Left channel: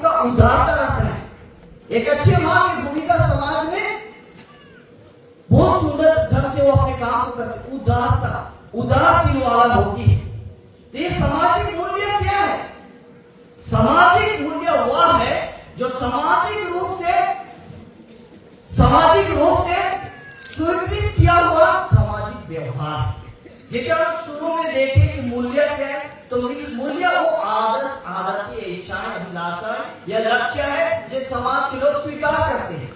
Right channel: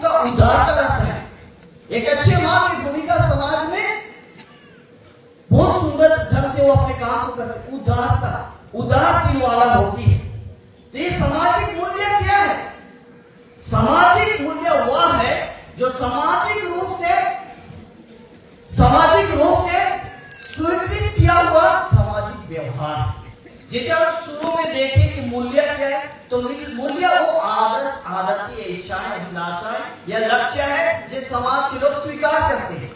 उनका उदारता रहता है। एक अच्छी माँ की भूमिका समाज में बहुत सुंदर ढंग से वो अपने काम को करते, उदार दिल वाला होती है। तो ये सामाजिक मूल्य क्या है? सामाजिक मूल्य वह है जो सामाजिक रूप से स्वीकृत किया हुआ सामाजिक व्यवहार है। जैसे हम शुरू में देखें कि मूल्य क्या है, तो मूल्य वो आदर्श, आदर्श इच्छाएं, अभिलाषाएं या लक्ष्य है जो समाज के लोग स्वीकार करते हैं।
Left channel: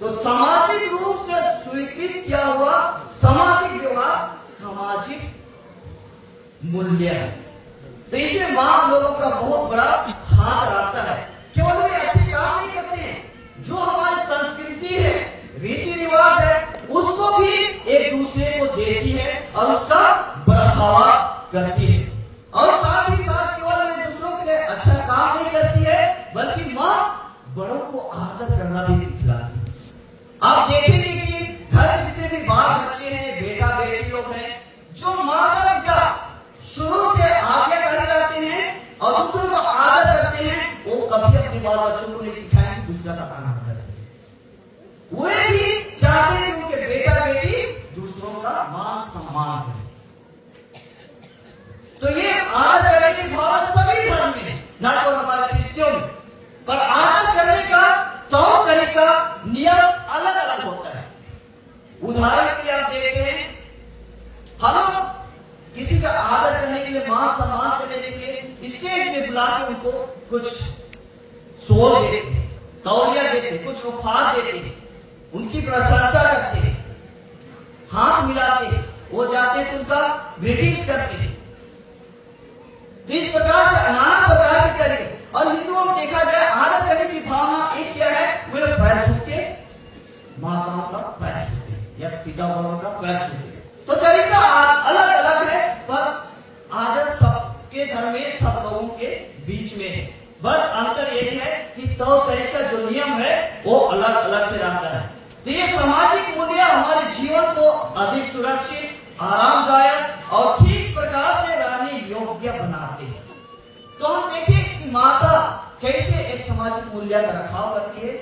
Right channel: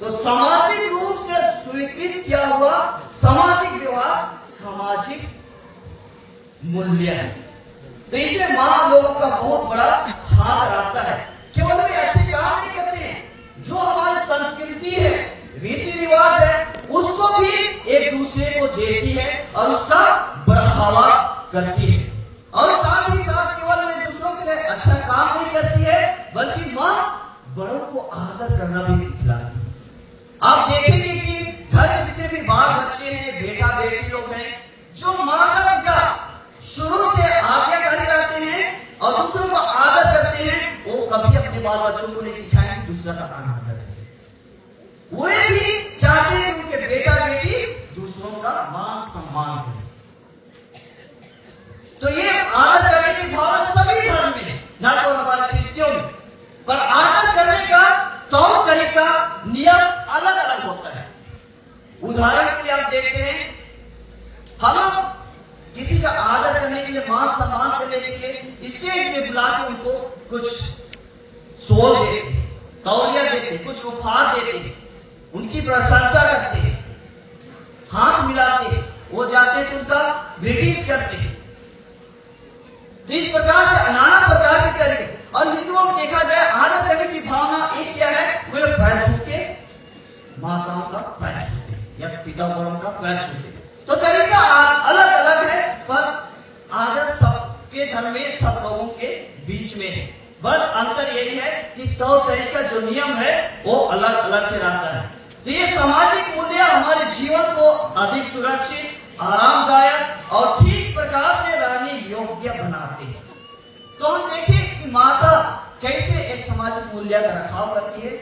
तो सामाजिक रूप से स्वीकृत किया हुआ सामाजिक व्यवहार सामाजिक मूल्य है। तो इसमें मां लोगों का बहुत बड़ा हाथ रहता है। केवल वे अच्छे काम नहीं करते हैं, जो हमारी संस्कृति है, रीति रिवाज है, उसको भी एक दूसरे को देती है और उसका बढ़ावा करती है। और साथ ही साथ केवल वे दूसरों के लिए अच्छा काम नहीं करती है, बल्कि मां बड़ों को आदर करना भी सिखलाती है। आप देखेंगे कि घर में जितने भी बाल बच्चे हैं, बेटा बेटी लोग हैं, जो माता पिता शुरू से आज्ञाकारी रहते हैं और दूसरों को आदर करते हैं, वो कभी अपने बाल बच्चों को नहीं सिखाएंगे दूसरा का आदर करें। वे भी चाहते हैं कि उनके बेटा बेटी दूसरों का मान सम्मान करें। तो ये आदर करने की भावना सभी धर्म में है, न तो हमारे क्रिश्चियों में, पर आदर करने का तौर तरीका नियम अलग अलग होता है। उदाहरण के लिए आप देखते हैं, हम लोग किसी का आदर करने के लिए, मान सम्मान करने के लिए स्टेज में बुला के उनको कुछ सोल देते हैं, तौलिया देते हैं, कुछ उपहार देते हैं, उनकी प्रशंसा करते हैं, हाथ मिलाते हैं, वो जाते हैं तो उनका ग्रीटिंग्स करते हैं। तो इस प्रकार से नाना प्रकार के तरीके। और हिंदुओं में देखा जाए आदर करने की भावना एक क्या है, वे लोग पैर छूते, माताओं का पैर छूते या पिता बड़ों का पैर छूते। तो तरीका अलग अलग है, पर आदर सबके धर्म में सब लोगों के बीच में है। बस अंतर यही है कि तौर तरीका जो नियम है वो अलग अलग से रहता है। तो ये सामाजिक मूल्य हमारे जीवन को अधिक सुरक्षित, आरामदायक और ठीक प्रकार से रहने योग्य बनाते हैं। तो हम देखें कि माता कैसे इस सामाजिक मूल्य का रखाव करती है।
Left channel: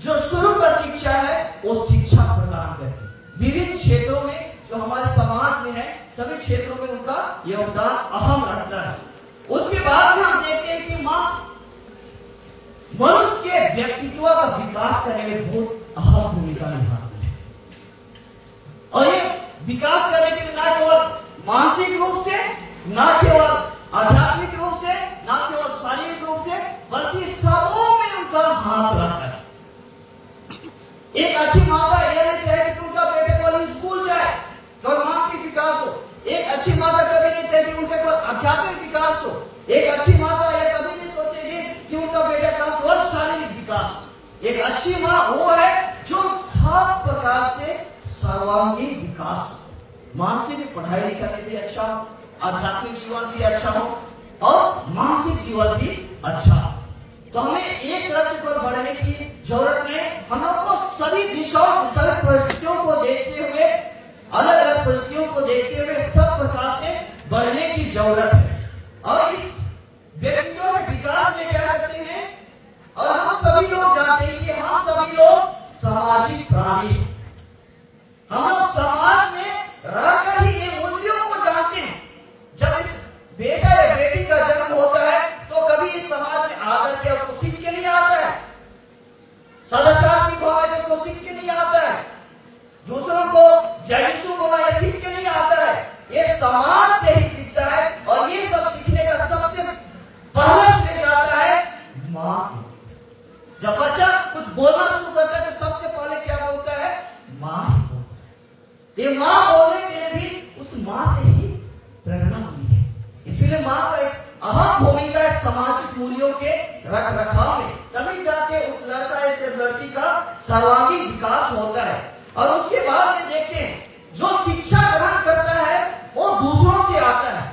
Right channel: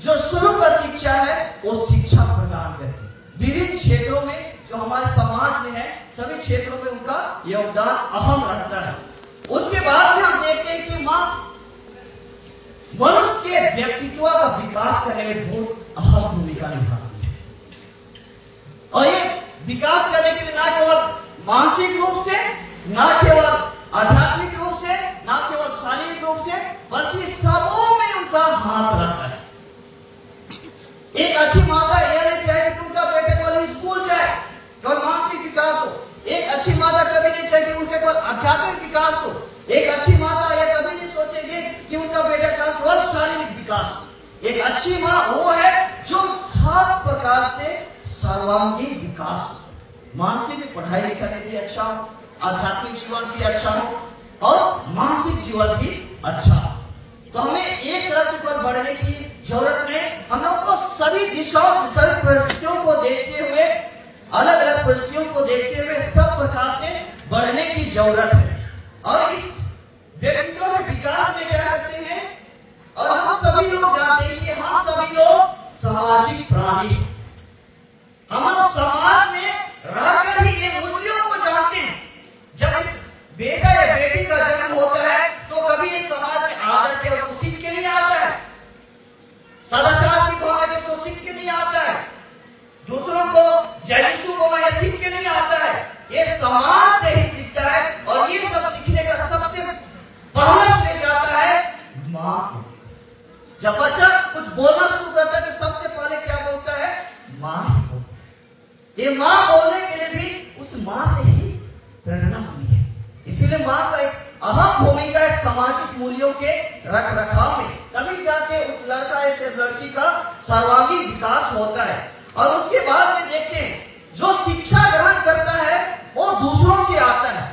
जो शुरू का शिक्षा है वो शिक्षा प्रदान करती है। विभिन्न क्षेत्रों में जो हमारे समाज में है, सभी क्षेत्रों में उनका योगदान अहम रहता है। उसके बाद में हम देखते हैं कि मां मनुष्य के व्यक्तित्व का विकास करने में बहुत अहम भूमिका निभाती है। और ये विकास करने के लिए न केवल मानसिक रूप से, न केवल आध्यात्मिक रूप से, न केवल शारीरिक रूप से, बल्कि सबों में उनका हाथ रहता है। एक अच्छी माता यह नहीं चाहेगी कि उनका बेटे केवल स्कूल जाए, केवल मानसिक विकास हो। एक अच्छी माता कभी नहीं चाहेगी उनके केवल आध्यात्मिक विकास हो। एक अच्छी माता यह कभी नहीं सोचेगी कि उनका बेटा का केवल शारीरिक विकास हो। एक अच्छी माँ वो है जो सब प्रकार से सर्वांगीण विकास हो। मानसिक पढ़ाई लिखाई भी अच्छा हो, आध्यात्मिक जीवन भी अच्छा हो और मानसिक जीवन भी अच्छा हो। तो हमें एक तरफ से कोई बढ़ने की जरूरत नहीं। हम लोग को सभी दिशाओं से, सभी परिस्थितियों को देखते हुए, अलग अलग परिस्थितियों को देखते हुए सब प्रकार से बढ़ने की जरूरत है। और इस व्यक्तियों के विकास में क्या करते हैं, और हम सभी लोग जानते हैं कि हम सभी लोग सामाजिक प्राणी, हम लोग समाज में रहकर ही ये मूल्यों को जानते हैं। जब इस बेटा या बेटी का जन्म होता है तो कभी इस समाज में आदर के उसको सीख के नहीं आता है, सदाचार की भावना के उसको सीख के नहीं आता है, दूसरों को जय यीशु को या सीख के नहीं आता है। ये समाज से ही सीखता है। और ये सब सीखने का सबसे पहला श्रेय जाता है मां को। जब बच्चा कुछ बोलना शुरू करता है तो सबसे पहले क्या बोलता है, मां को। ये मां बोलने के लिए भी उस मां से ही प्रेरणा हुई है। इसीलिए मां का एक अहम भूमिका है सामाजिक मूल्यों के रख रखाव में। तभी जाके उस लड़का या लड़की का सर्वांगीण विकास होता है। और उसके बाद में देखें, जो शिक्षा ग्रहण करता है वो दूसरों से आता है।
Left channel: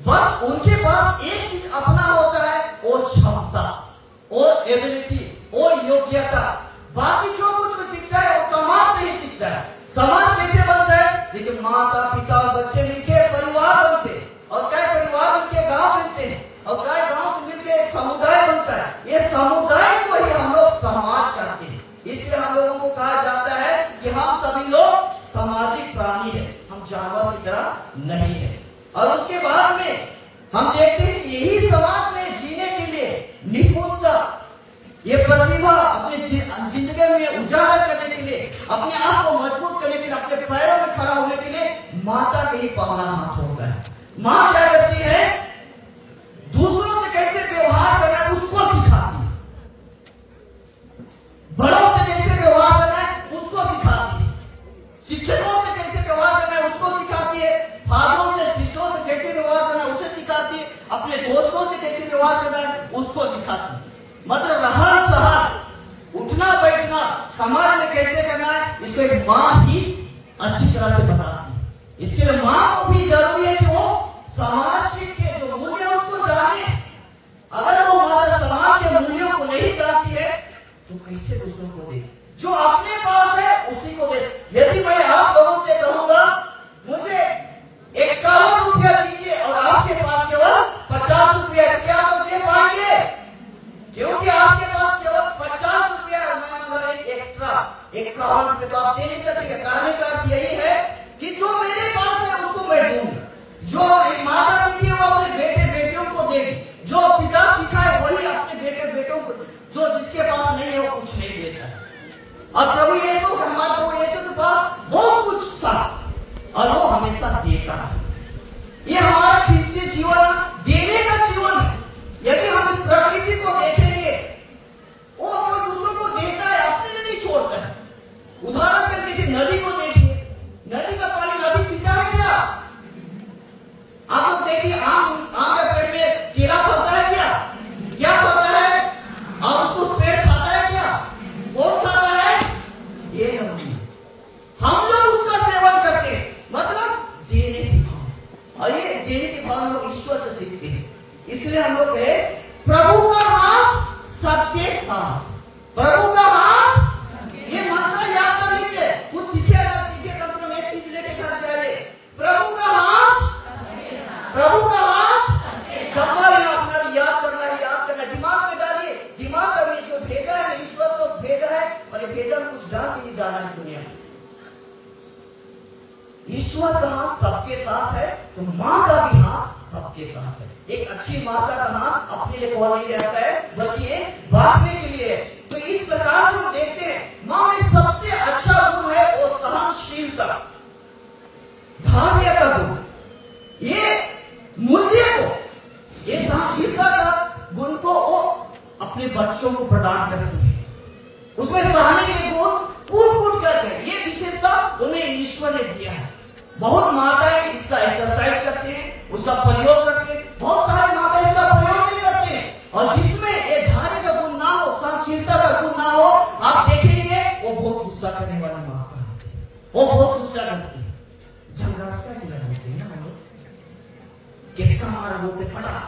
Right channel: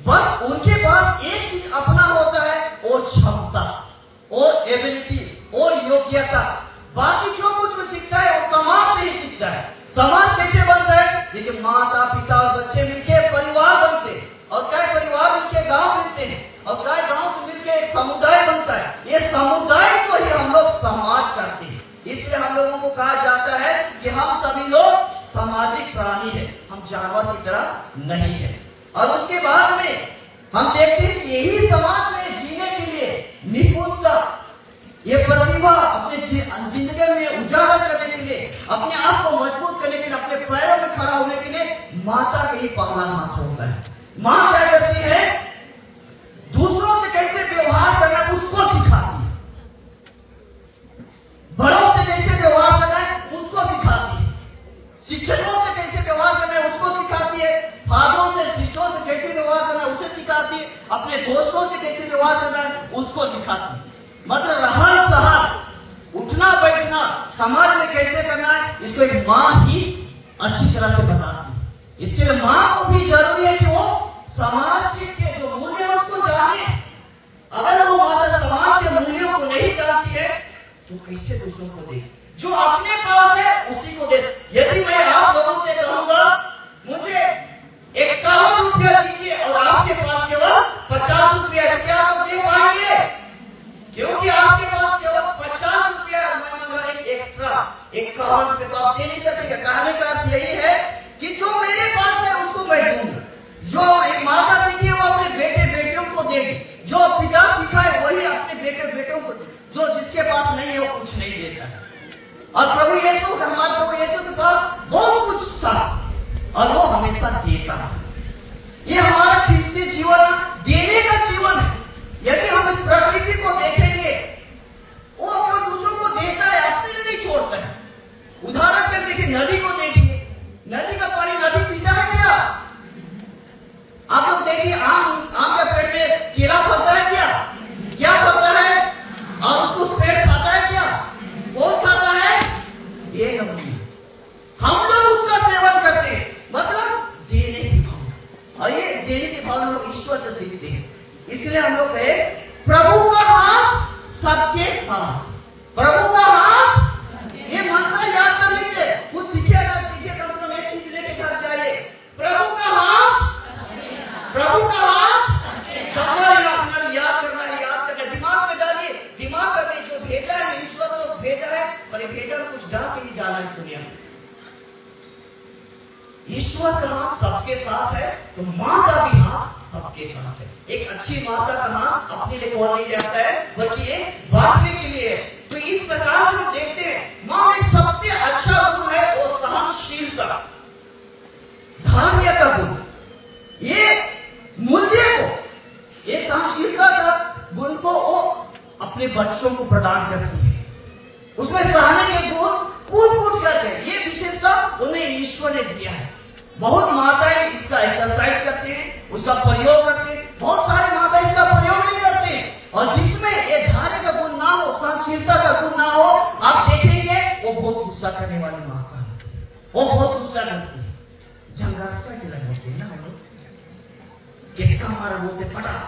बस उनके पास एक चीज अपना होता है, वो क्षमता, वो एबिलिटी, वो योग्यता। बाकी जो कुछ भी सीखता है वो समाज से ही सीखता है। समाज कैसे बनता है, देखिए माता पिता और बच्चे मिलकर परिवार बनते हैं, और कई परिवार मिलकर गांव बनते हैं, और कई गांव से मिलकर एक समुदाय बनता है। ये समुदाय को ही हम लोग समाज कहते हैं। इसलिए हम लोगों को कहा जाता है कि हम सभी लोग सामाजिक प्राणी है, हम जानवर की तरह नहीं है। और उसके बाद में हम देखते हैं कि यही समाज में जीने के लिए निपुणता, ये प्रतिभा अपने जिंदगी में उजागर करने के लिए, अपने आप को मजबूत करने के लिए, अपने पैरों में खड़ा होने के लिए माता के ही पहला हाथ होता है। माँ क्या करती है? दूसरों से कैसे व्यवहार करना उसको सिखाती है, बड़ों से कैसे व्यवहार करना है उसको सिखाती है, शिक्षकों से कैसे व्यवहार करना है उसको सिखाती है, फादरों से सिस्टरों से कैसे व्यवहार करना है उसे सिखाती है, अपने दोस्तों से कैसे व्यवहार करना है उसको सिखाती है। मतलब रहन सहन, उठना बैठना समाज में कैसे करना है इसको एक माँ ही अच्छी तरह से बताती है। इसके लिए माँ को भी जरूरी है कि वो समाज के जो मूल्य है उसको जाने। अगर वो माता समाज के मूल्यों को नहीं जानती है तो कैसे दूसरों को दे? जो अपने पास है उसी को दे। यदि मैं आप लोगों से कहूंगा मुझे 51 रुपया दीजिए और आपके पास केवल 50 रुपया, क्या आप दे पाएंगे? क्योंकि आपके पास केवल 50 रुपया एक्स्ट्रा 51 रुपये तो आप दे नहीं सकेंगे। कहने का अर्थ यही है कि जो मेरे पास है उसको मैं दूंगा। जो एक माता सीखी है वो अपने बेटे बेटियों को देगी, जो पिता सीखा है वही अपने बेटे बेटों को, जो जिसके पास नहीं है वो कुछ नहीं देता है। और प्रभु यीशु, हमारे प्रभु यीशु के पास बहुत कुछ था और वो हमेशा देता है। ये हमारा ख्रिस्ती जीवन देने का जीवन है। यदि हम इस प्रकृति को देखेंगे, वो जो दूसरों को देता है अपने लिए नहीं छोड़ता है। उदाहरण के देखिए, नदी को देखिए, नदी का पानी नदी पीता है क्या? आप लोग देखिए, आम के पेड़ में केला फलता है क्या? क्या फलता है? और उसको पेड़ खाता है क्या? कौन खाता है? ये नदी। हम लोग उसका सेवन करते हैं, मतलब देने की भाव। और ये देने की भाव हम लोग ईश्वर से सीखते हैं। इसलिए हम लोग कहे प्रभु का हाथ सबके साथ, प्रभु का हाथ। ये मंत्र याद कर लीजिए, कुछ सीखे ना सीखे कम से कम एक चीज लेके घर जाइए। प्रभु का हाथ, प्रभु का हाथ सबका याद करना है, याद करना है, दिमाग में डालिए, दिमाग में जो भेजा है ईश्वर को भेजा है, और भेजा कुछ डाल के ही जाना इस दुनिया से। ईश्वर का हाथ सबके साथ है तो माँ का भी हाथ सबके साथ है। एक अच्छी माता का हाथ अपने लिए कौन नहीं रहता है, बल्कि ये बांटने के लिए है। तो इस प्रकार से हम देखते हैं माँ में सबसे अच्छा गुण है वो सहनशीलता, धैर्य का गुण। ये मूल्य को, ये सहनशीलता का गुण को वो अपने बच्चों को प्रदान करती है। उसमें सहने के गुण कूट करते हैं, ये विशेषता उन्हें ईश्वर ने दिया है। बहुत माताएं इसका एक्सरसाइज करते हैं, उसका प्रयोग करते हैं, बहुत सारे माता इसका प्रयोग नहीं करते हैं। और जिसमें ये धैर्य का गुण ना हो, सहनशीलता का गुण ना हो, आप देखेंगे वो बहुत गुस्सा करने वाली माता है, वो बहुत गुस्सा करती है। जंगाज का गिला होते हैं ना हम लोग, किसका हमारे बोलते पटास,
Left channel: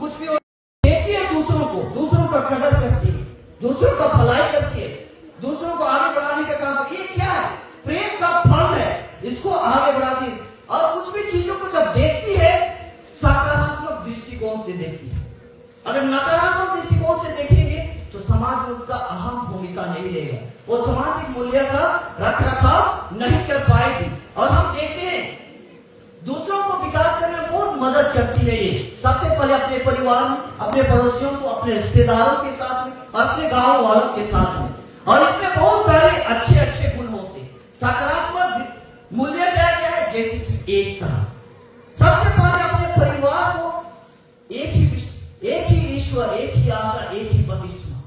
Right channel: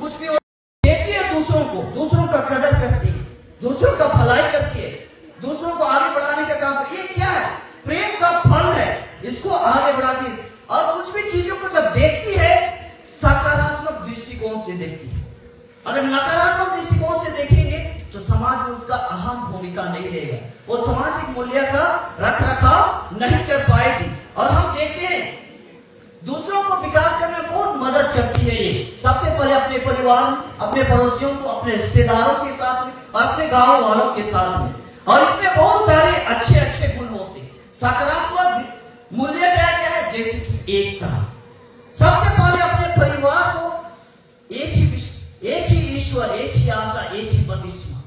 कुछ भी देती है दूसरों को, दूसरों का कदर करती है, दूसरों का भलाई करती है, दूसरों को आगे बढ़ाने का काम करती है। ये क्या है? प्रेम का फल है, इसको आगे बढ़ाती है। और कुछ भी चीजों को जब देखती है सकारात्मक दृष्टिकोण से देखती है। अगर नकारात्मक दृष्टिकोण से देखेंगे तो समाज में उसका अहम भूमिका नहीं रहेगा, वो सामाजिक मूल्य का रख रखाव नहीं कर पाएगी। और हम देखते हैं दूसरों को विकास करने में बहुत मदद करती है। ये सबसे पहले अपने परिवार में, अपने पड़ोसियों को, अपने रिश्तेदारों के साथ में और अपने गांव वालों के साथ में। और इसमें बहुत सारे अच्छे अच्छे गुण होते हैं। सकारात्मक मूल्य क्या है? जैसे कि एकता। सबसे पहले अपने परिवार को एक ही ईश्वर, एक ही आशा, एक ही बपतिस्मा,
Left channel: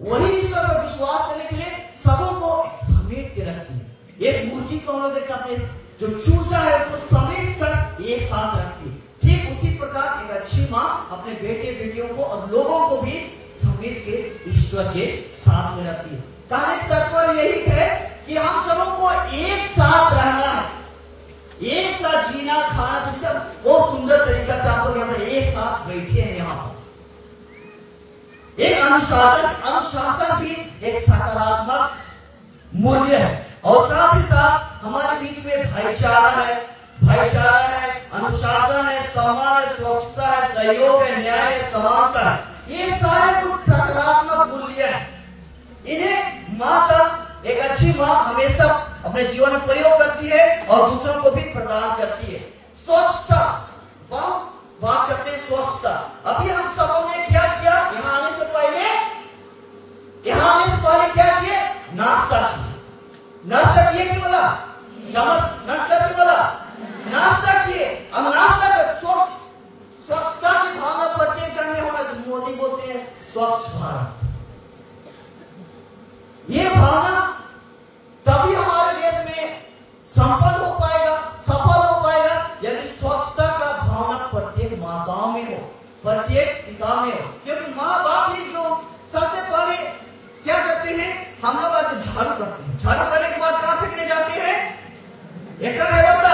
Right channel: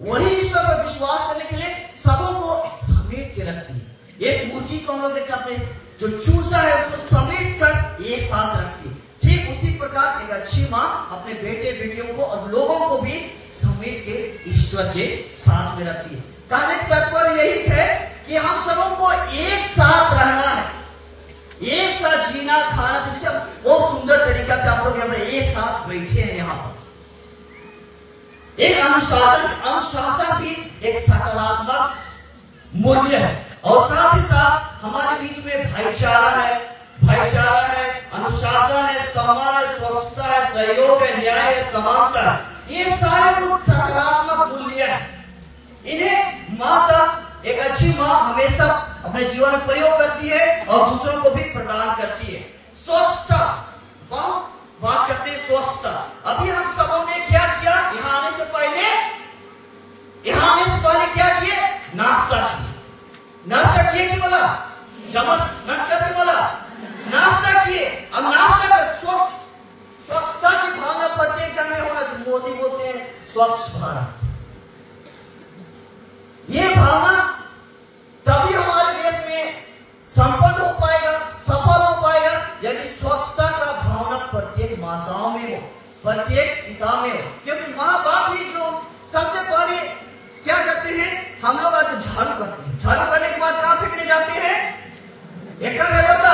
वही ईश्वर पर विश्वास करने के लिए सबों को समेट के रखती है। एक मुर्गी को हम लोग देखते हैं, अपने जो चूजा है उसको समेट कर एक साथ रखती है। ठीक उसी प्रकार एक अच्छी माँ अपने बेटे बेटियों को और लोगों को भी समेट के ईश्वर के साथ में रखती है। कहने का तात्पर्य यही है कि हम सबों को एक साथ रहना है, एक साथ जीना खाना, तो सब बहुत सुंदर तरीका से आप लोग यहाँ एक साथ बैठे हैं। यहाँ पर एक अनुशासन भी एक सकारात्मक मूल्य है। और साथ ही साथ हमारे बीच में भाईचारा है, अनुशासन है, सम्मान है, स्वच्छता है, सहयोग है, न्याय है, समानता है। ये सारे कुछ सकारात्मक मूल्य हैं। इन्हें माँ का एक अच्छी माँ हमेशा अपने जीवन में प्रयोग करती है और दूसरों को भी प्रदान करती है। स्वच्छता, बात करते हैं स्वच्छता। अभी हम सबों ने क्या किया? यहाँ आने से पहले क्या किए? नाश्ता किए। नाश्ता किए नहीं बोला? नाश्ता क्यों बोला? नाश्ता किए। अब नाश्ता का स्वच्छता की भावना प्रत्येक जन में होना चाहिए। मोदी बोलते हैं स्वच्छ भारत। ये भावना तभी हमारे देश में संपन्न हो पाएगा, सफल हो पाएगा, यदि स्वच्छता का भावना प्रत्येक माताओं में हो, प्रत्येक पिता में हो। क्योंकि माँ बाप ही जो सबसे पहले क्या करते हैं, हम लोग आज झाड़ू करते हैं। झाड़ू करने के बाद कहां फेंकने जाते हैं? ऐसा नहीं होता,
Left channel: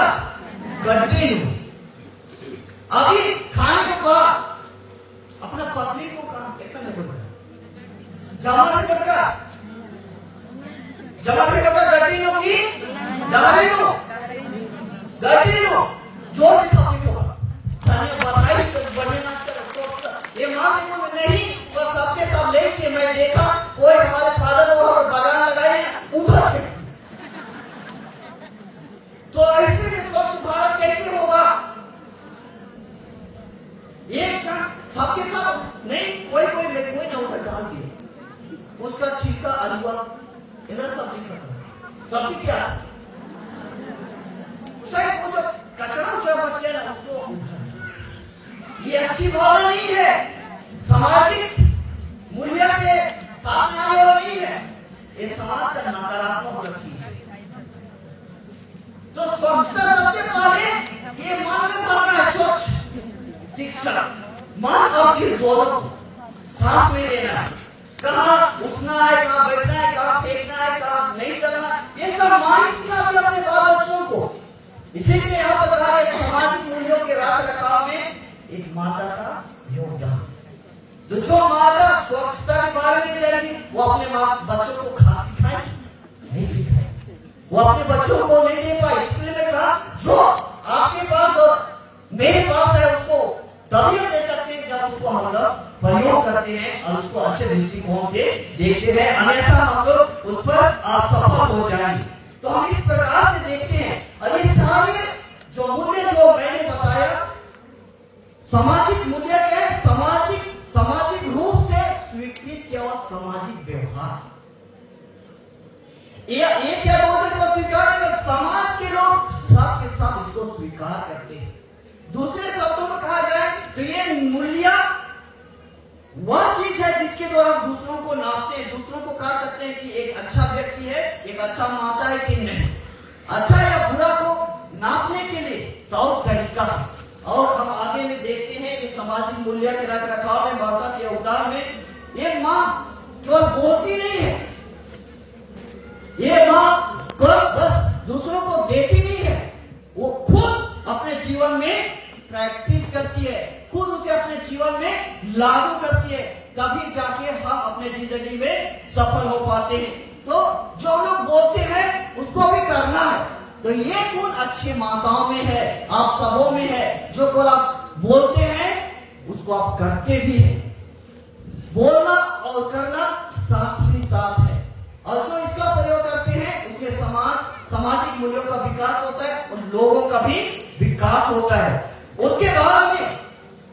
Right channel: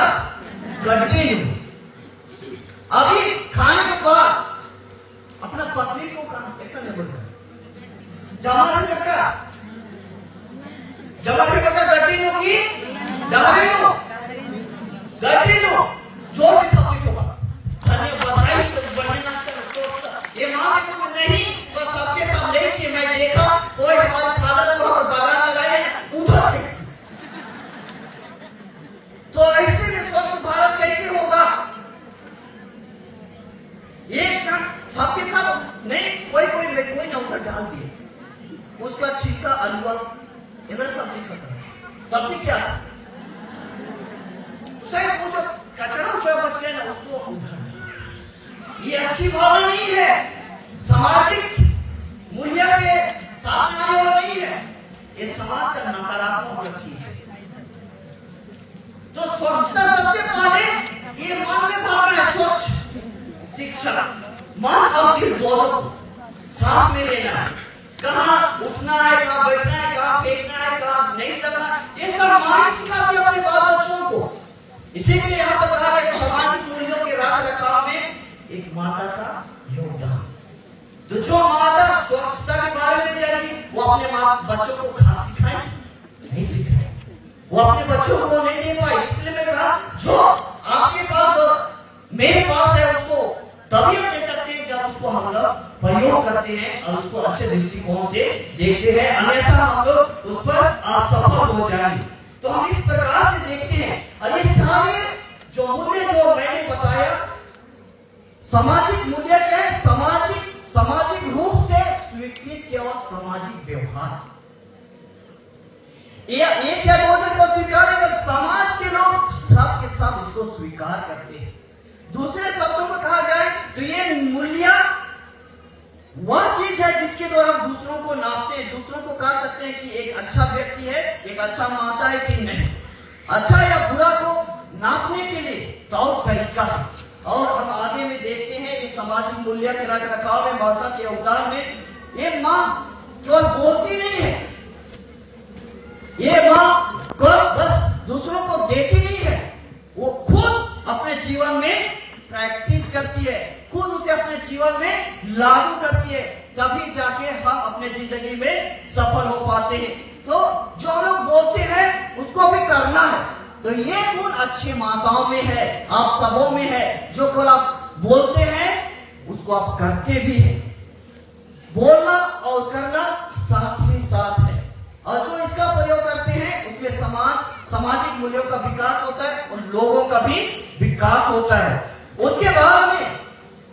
गड्ढे में। अभी खाने के बाद अपना पत्नी को कहा, ऐसा नहीं बोलता, जमा नहीं करता, गड्ढे में की गड्ढे में जो भी था ये माँ नहीं तो सबके सब लेके मैं देखा कोई हमारे फादर वहां पर बागान लगाए ऊपर। तो ऐसे में स्वच्छ भारत कैसे होगा? एक क्षण सबके सब नहीं, कोई ना उधर डाल दिए, उसका छिलका अलुआ इधर सब्जी खाता है। सब्जी क्या सिर्फ वो कचरा जो बच गया ना उसको, ये अच्छी भावना नहीं है, सामाजिक मूल्य के सामने आने वाला नहीं है, ये समाज का नकारात्मक चीज है। तो स्वच्छता सबसे पहले ये मन में भावना है, स्वच्छ शिक्षा, मन और दिल दोनों साथ में लेना, कहाँ उठना है, कहाँ बैठना है, कहाँ फेंकना है, कहाँ नहीं चलना, ये सब मान सिखाते अपने बाल बच्चों को। इसीलिए यहाँ पर कहा गया सामाजिक मूल्यों के रख रखाव में एक माता का योगदान। तो जो माता स्वच्छता के बारे में जाएगी वो अपने बच्चों को खा सिखाए नहीं सिखाए, वो अपने बच्चों को नहीं दे पाए। इसलिए मैं कहा जो आपके पास और मेरे पास है उसको तभी हम दे सकते हैं जब उसको हम लोग प्रयोग करते हैं और उसको अच्छे दृष्टिकोण से देखते हैं, अन्यथा हम लोग उस पर असफल हो जाएंगे। तो हम इस प्रकार से देखते हैं और ये सारे जो मूल्य जो मैंने बताया, सामाजिक मूल्य क्या है? सामाजिक रूप से स्वीकृत केवल सामाजिक व्यवहार। ये क्या बोलते हैं स्वीकार कर, समाज के लोग सब के सब इसको स्वीकार करते हैं। दूसरे शब्दों में कहा जाए तो ये मूल्य वह चीज है जिसके द्वारा हम दूसरों को नापते हैं, दूसरों को कह सकते हैं कि एक अच्छा व्यक्ति है, एक अच्छा माता है कि नहीं। अच्छा या बुरा को नापने के लिए तौर तरीका है। और हम आगे में देखते हैं ये सामाजिक मूल्य के रख रखाव में माता के अवतार में ये माँ केवल बोलती नहीं है, ये माँ केवल बस दूसरों को देती नहीं है, वो खुद अपने जीवन में प्रैक्टिस करती है, खुद उसे अपने जीवन में लागू करती है, तभी जाके हम अपने जिंदगी में सफल हो पाते हैं। तो जो हम लोग बोलते हैं उसको भी करना है। तो ये गुण अच्छी माताओं में है, आप सबों में है। जो केवल आप बोलते हैं उसको आप करते भी हैं। बोलना और करना साथ ही साथ है, और जो इसका प्रयोग करते हैं उसमें सामाजिक मूल्यों का विकास होता है और लोगों का भी विकास होता है। उसके बाद में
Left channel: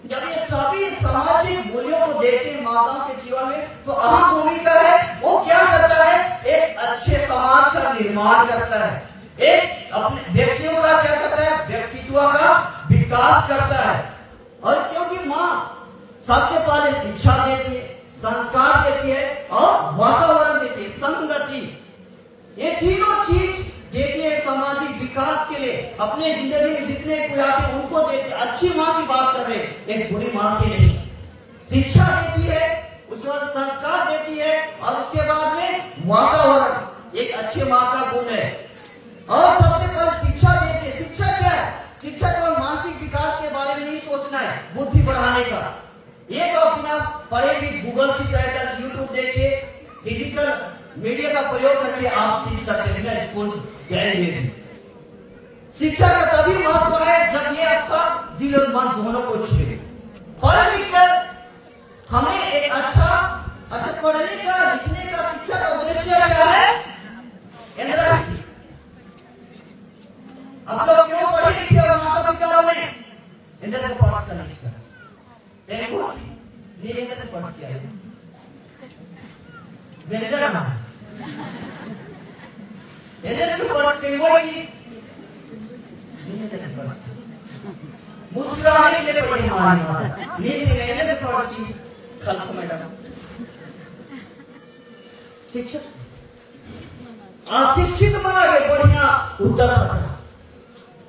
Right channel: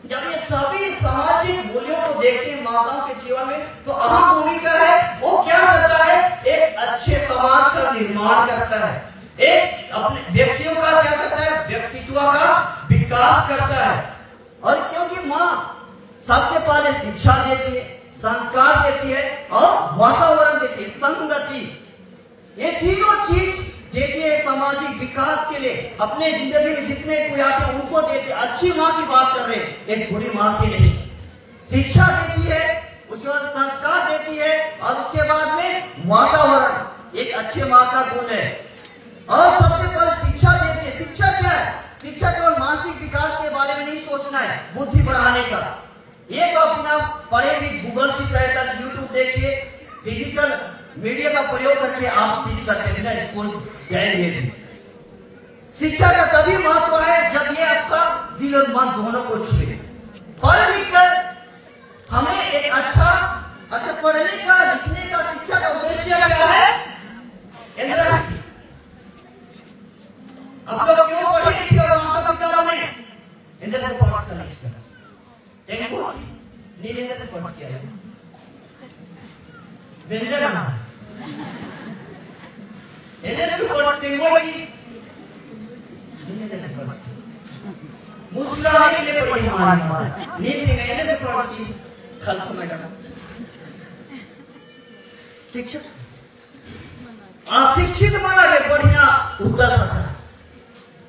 जब ये सभी सामाजिक मूल्यों को देखते हैं माताओं के जीवन में, तो अहम भूमिका है, वो क्या करता है? एक अच्छे समाज का निर्माण करता है, एक अपने व्यक्तियों का क्या करता है? व्यक्तित्व का विकास करता है। और क्योंकि माँ सबसे पहले शिक्षा देती है, संस्कार देती है और वातावरण देती है, संगति, ये तीनों चीज देती है सामाजिक विकास के लिए। अपने जिंदगी में जितने कोई आते हैं उनको देती है। अच्छी माँ की बात कर रहे हैं, एक बुरी माँ की नहीं। शिक्षा देती है, उसके बाद संस्कार देती है और उसके बाद में वातावरण एक अच्छे माँ का गुण है। और सबसे पहले शिक्षा देती है। शिक्षा क्या है? शिक्षा केवल मानसिक विकास के बारे में नहीं सोचना है, बुद्धि बढ़ाने का। एक अपना पढ़े भी गूगल की सहायता से, यूट्यूब देखिए, डिजिटल मीडिया का प्रयोग करके आप सीख सकते हैं बिना स्कूल जाएंगे भी। शिक्षा का तभी महत्व है जब ये आपका दिल और मन दोनों को छुए। पढ़ लिख कर हमें एक अच्छा पढ़ने का, लिखने का, शिक्षा का उद्देश्य क्या है? इंदिरा गांधी। आप लोग क्यों पढ़े लिखे और माता पिता बने? इंदिरा को पास करने का, इंदिरा को पास किया है, इंदिरा की पास टेंगोली मुस्कुरा नहीं ले पड़ी हमारी नीति में इंदिरा की पास की खल्क मैडम। शिक्षक अशिक्षित बना के बढ़िया उत्तर पकड़ा।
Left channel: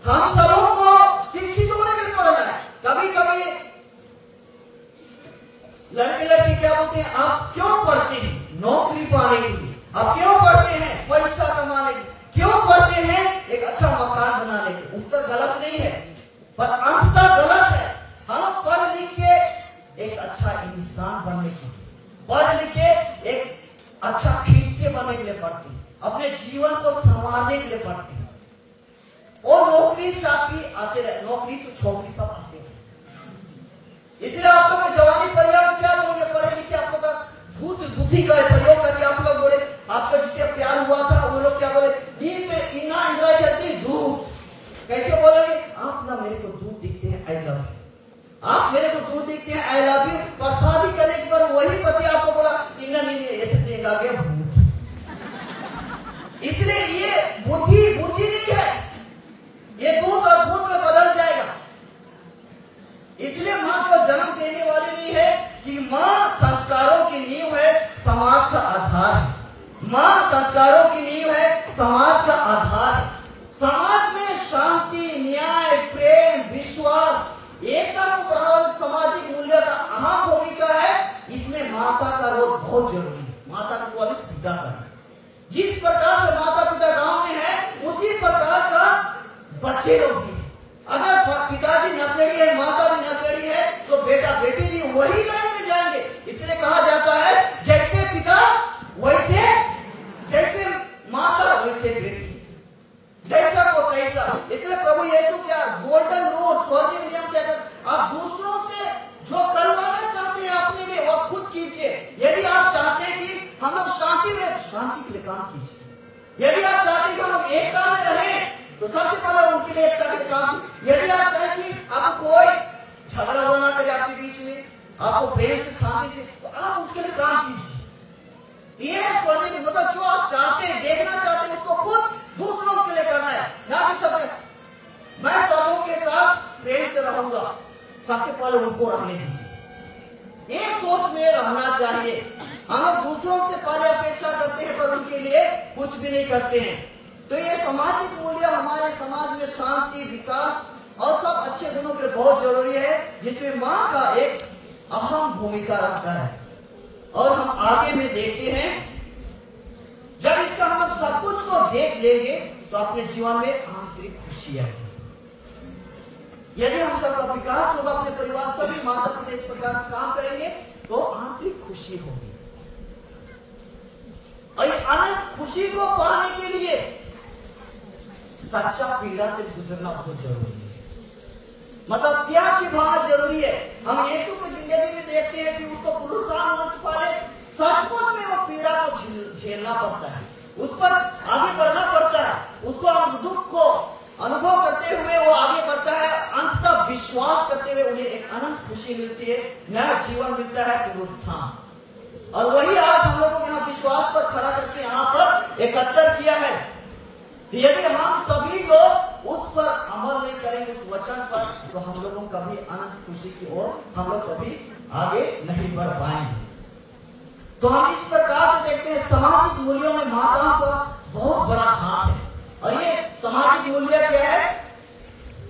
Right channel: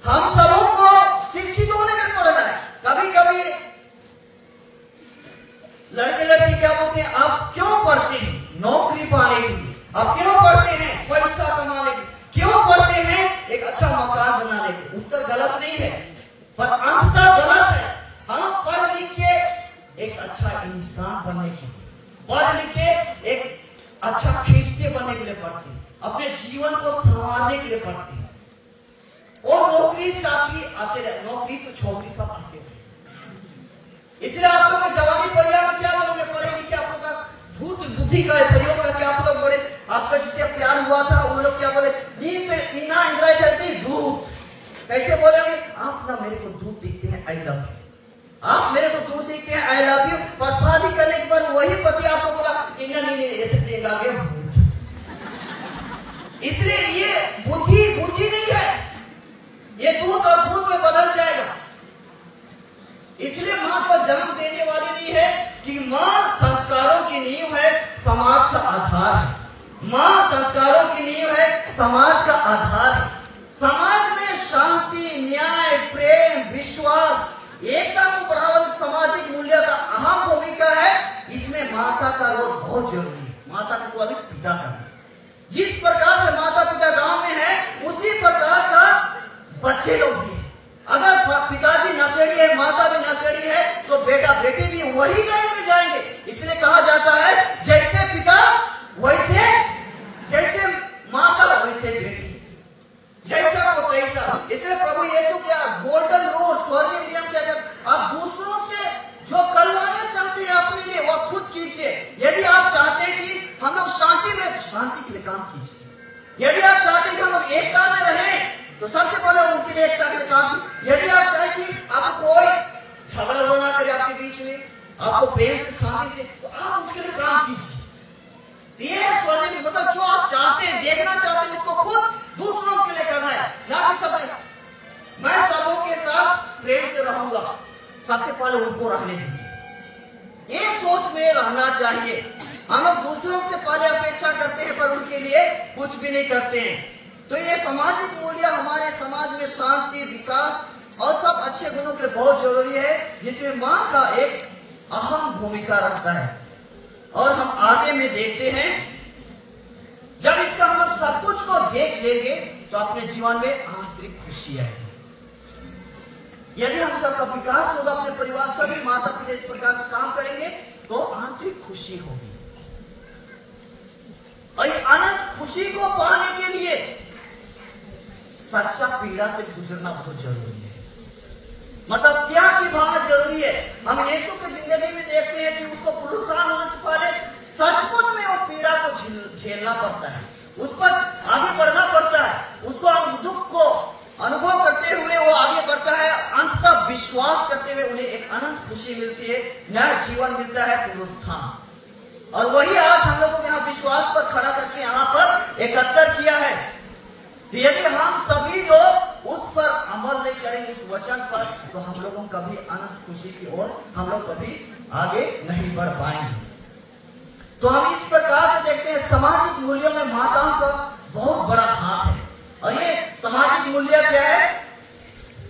हम सबों को शिक्षित होने के लिए पढ़ना है। कभी कभी लड़के लड़की क्या बोलते हैं, आप क्यों पढ़ते हैं? नौकरी पाने के लिए। आप क्यों पढ़ते हैं? पैसा कमाने के लिए। क्यों पढ़ते हैं? एक अच्छा मकान बनाने के लिए। उत्तर गलत नहीं है, पर अंततः गलत है। हम पढ़ लिख के एक अच्छा इंसान बनने के लिए, पढ़ लिख के एक अच्छा खिस्ते बनने के लिए पढ़ते हैं, अपने जीवन को संवारने के लिए पढ़ते हैं। और नौकरी चाकरी आते रहे, नौकरी तो छोकरी सब आते रहे। इसलिए आप लोग जवानी परिवार में क्या बोलोगे? पढ़े लिखे आप लोग का भूत बुद्धि का प्रयोग करके आप लोग बोले, आपका जिससे प्यार हुआ था वो लोग क्या बोले? इना इंदिरा करती दूध। कैसे बोलोगे? आप ना मेरे को दूध दिखते हैं, आई लव यू। आप मेरे को दूध दिखते हैं, आई लव यू। पर शादी करने के बाद वही पति आपको बोला देगा गया भूत। इसलिए ये बुद्धि नहीं है, ये दूध और दूध में बदल जाएगा। इसलिए मां को जन्म देने वाली नहीं है कि मां संस्कारों की नींव है, समाज का आधार है। मां संस्कारों की नींव है, समाज का आधार है। समाज में शांति, न्याय, प्रेम, विश्वास, एकता को बढ़ावा सामाजिक मूल्य का अहम भूमिका है। इसमें माता का रोल बहुत जरूरी है। माता को अभी पिता का, जिस प्रकार से माता पिता गांव में है, उसी प्रकार का बच्चे लोग भी है। अगर पिताजी नशेड़ी है, माता भी नशेड़ी है, तो बेटा बेटी भी वही लाइन में जाएंगे। इसलिए कहा जाता है जैसे पिता वैसे, जैसे माता वैसे बेटी, जैसा को तैसा। इसलिए प्रभु यीशु क्या गोल्डन रूल, स्वर्गीय नियम क्या कहते? आप दूसरों से जो करवाना चाहते हैं अपने लिए वो खुद कीजिए। यदि आप चाहते हैं कि हम लोग शांति में, शांति के लिए काम कीजिए। यदि आप चाहते हैं कि हम लोग एकता में रहें, तो सबसे पहले उनके लिए एकता के लिए काम। यदि आप चाहें कि आपको कोई झगड़ा होना करे आपके बीच में, आपको प्रेम से, शांति से, तो आप उसके लिए काम कीजिए। ये स्वर्ग में मतलब जो आप चाहते हैं, देखना चाहते हैं, उसको खुद दूसरों के लिए करना है, ना कि सब मैं सबों के साथ प्रेम से रहूंगा। सबसे पहले उनको रहने दीजिए। एक सोच में रहना चाहिए। हम लोग दूसरों से पहले अपेक्षा करते हैं, पर उनके लिए कुछ भी नहीं करते हैं। तो ये सामाजिक मूल्य हमारे समाज में शांति, विकास और सब अच्छे गुणों के लिए बहुत जरूरी है, जिसमें माँ का एक अहम भूमिका रखता है। और हम आगे में देखते हैं, जब इसका हम लोग सब कुछ को देख लेंगे तो अपने जीवन में आंतरिक खुशी आएगी। यदि हम सबका विकास होगा, अपने परिवार सभी माता पिता इस प्रकार से काम करेंगे, तो आंतरिक खुशी होगी। और ये अनंत खुशी को पाने के लिए सच्चा पीड़ा से गुजरना बहुत जरूरी है। मतलब त्याग की भावना जरूरी है। हम यीशु की जिंदगी में देखते हैं कि उसको पुनरुत्थान होने से पहले सचमुच में वो पीड़ा को झेलना पड़ता है, उस पर आगे बढ़ना पड़ता है, उसको दुख को अनुभव करते हुए वो आगे बढ़ता है। अंततः विश्वास करते हुए उन्हें एक अनंत खुशी मिलती है, नया जीवन मिलता है, पुनरुत्थान। और वही आज हम लोगों को यहाँ विश्वास पर खड़ा करके यहाँ पर एकत्र किया है। तो यदि हम सभी लोग उस पर अमल नहीं करेंगे, उस वचन पर, तो हम लोगों कभी अनंत खुशी की ओर हम लोग कभी आगे नहीं बढ़ पाएंगे। तो हम इस प्रकार से देखते हैं सामाजिक मूल्यों में माताओं का बहुत बड़ा हाथ है। और ये सामाजिक मूल्य क्या है?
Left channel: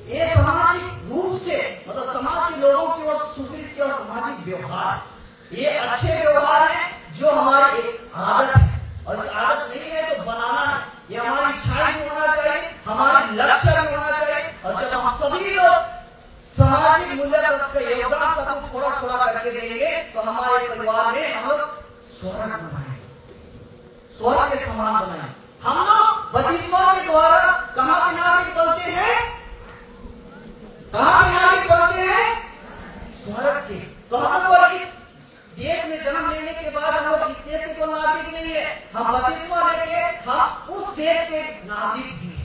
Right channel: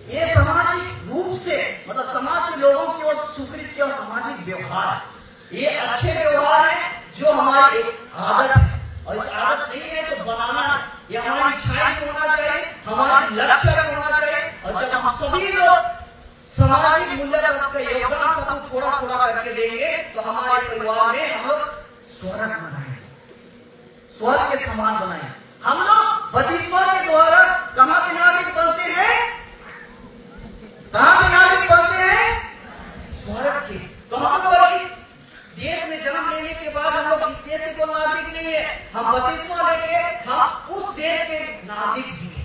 ये सामाजिक रूप से मतलब समाज के लोगों की ओर स्वीकृत और सामाजिक व्यवहार, ये अच्छे व्यवहार है जो हमारी एक आदत है। और इस आदत नहीं है तो बनाना है, ये हमारी इच्छाएं भी होना चाहिए, हमारी लक्ष्य भी होना चाहिए। और जब हम सभी लोग सामाजिक मूल्य का योगदान सब थोड़ा थोड़ा करके देंगे, तो हमारे परिवार में हम लोग स्वर्ग बनाएंगे, स्वर्ग के समान बनाएंगे। हम लोग बपतिस्मा के द्वारा कहाँ के नागरिक बनते हैं? कहाँ के नागरिक बनते हैं? स्वर्ग के। तो हम लोग देश में जन्म लेने के बाद हम लोग इस देश के तो नागरिक नहीं है, हम बपतिस्मा लेके हम उस देश के नागरिक भी हैं।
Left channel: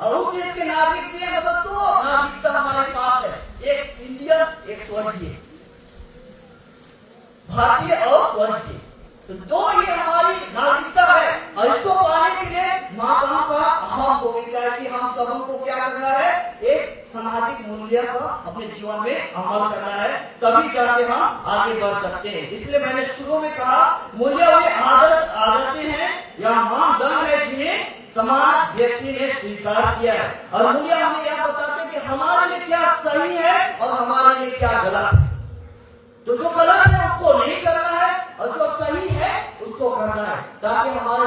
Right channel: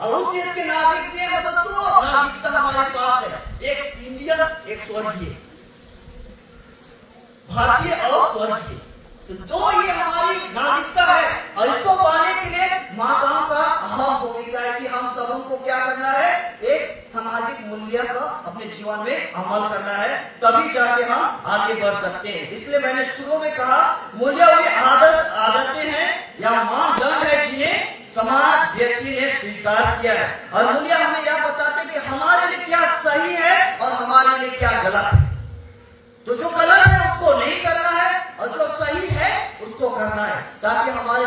और उस देश के नागरिक भी हैं, मतलब दो नागरिकता हमारे पास है, एक इंडियन एक स्वर्गीय, भारतीय और स्वर्गीय। तो दो ये हमारी नागरिकता है और इसको पाने के लिए माताओं का अहम भूमिका है कि हम सबों को क्या करना है, एक सामाजिक मूल्य का अपने जीवन में अमल करना है, तभी जाके हम आगे बढ़ सकते हैं। इसलिए मैंने शुरू में कहा मूल्य वे आदर्श आदतें हैं या मानदंड है जिन्हें समाज व्यक्ति ने स्वीकार किया है। और मूल्य हमें यह बताते हैं कि हमारे लिए क्या सही है और हमारे लिए क्या गलत है। तो जो गलत है उसको नहीं करना है और जो सही है उसको करना है, ताकि हमारे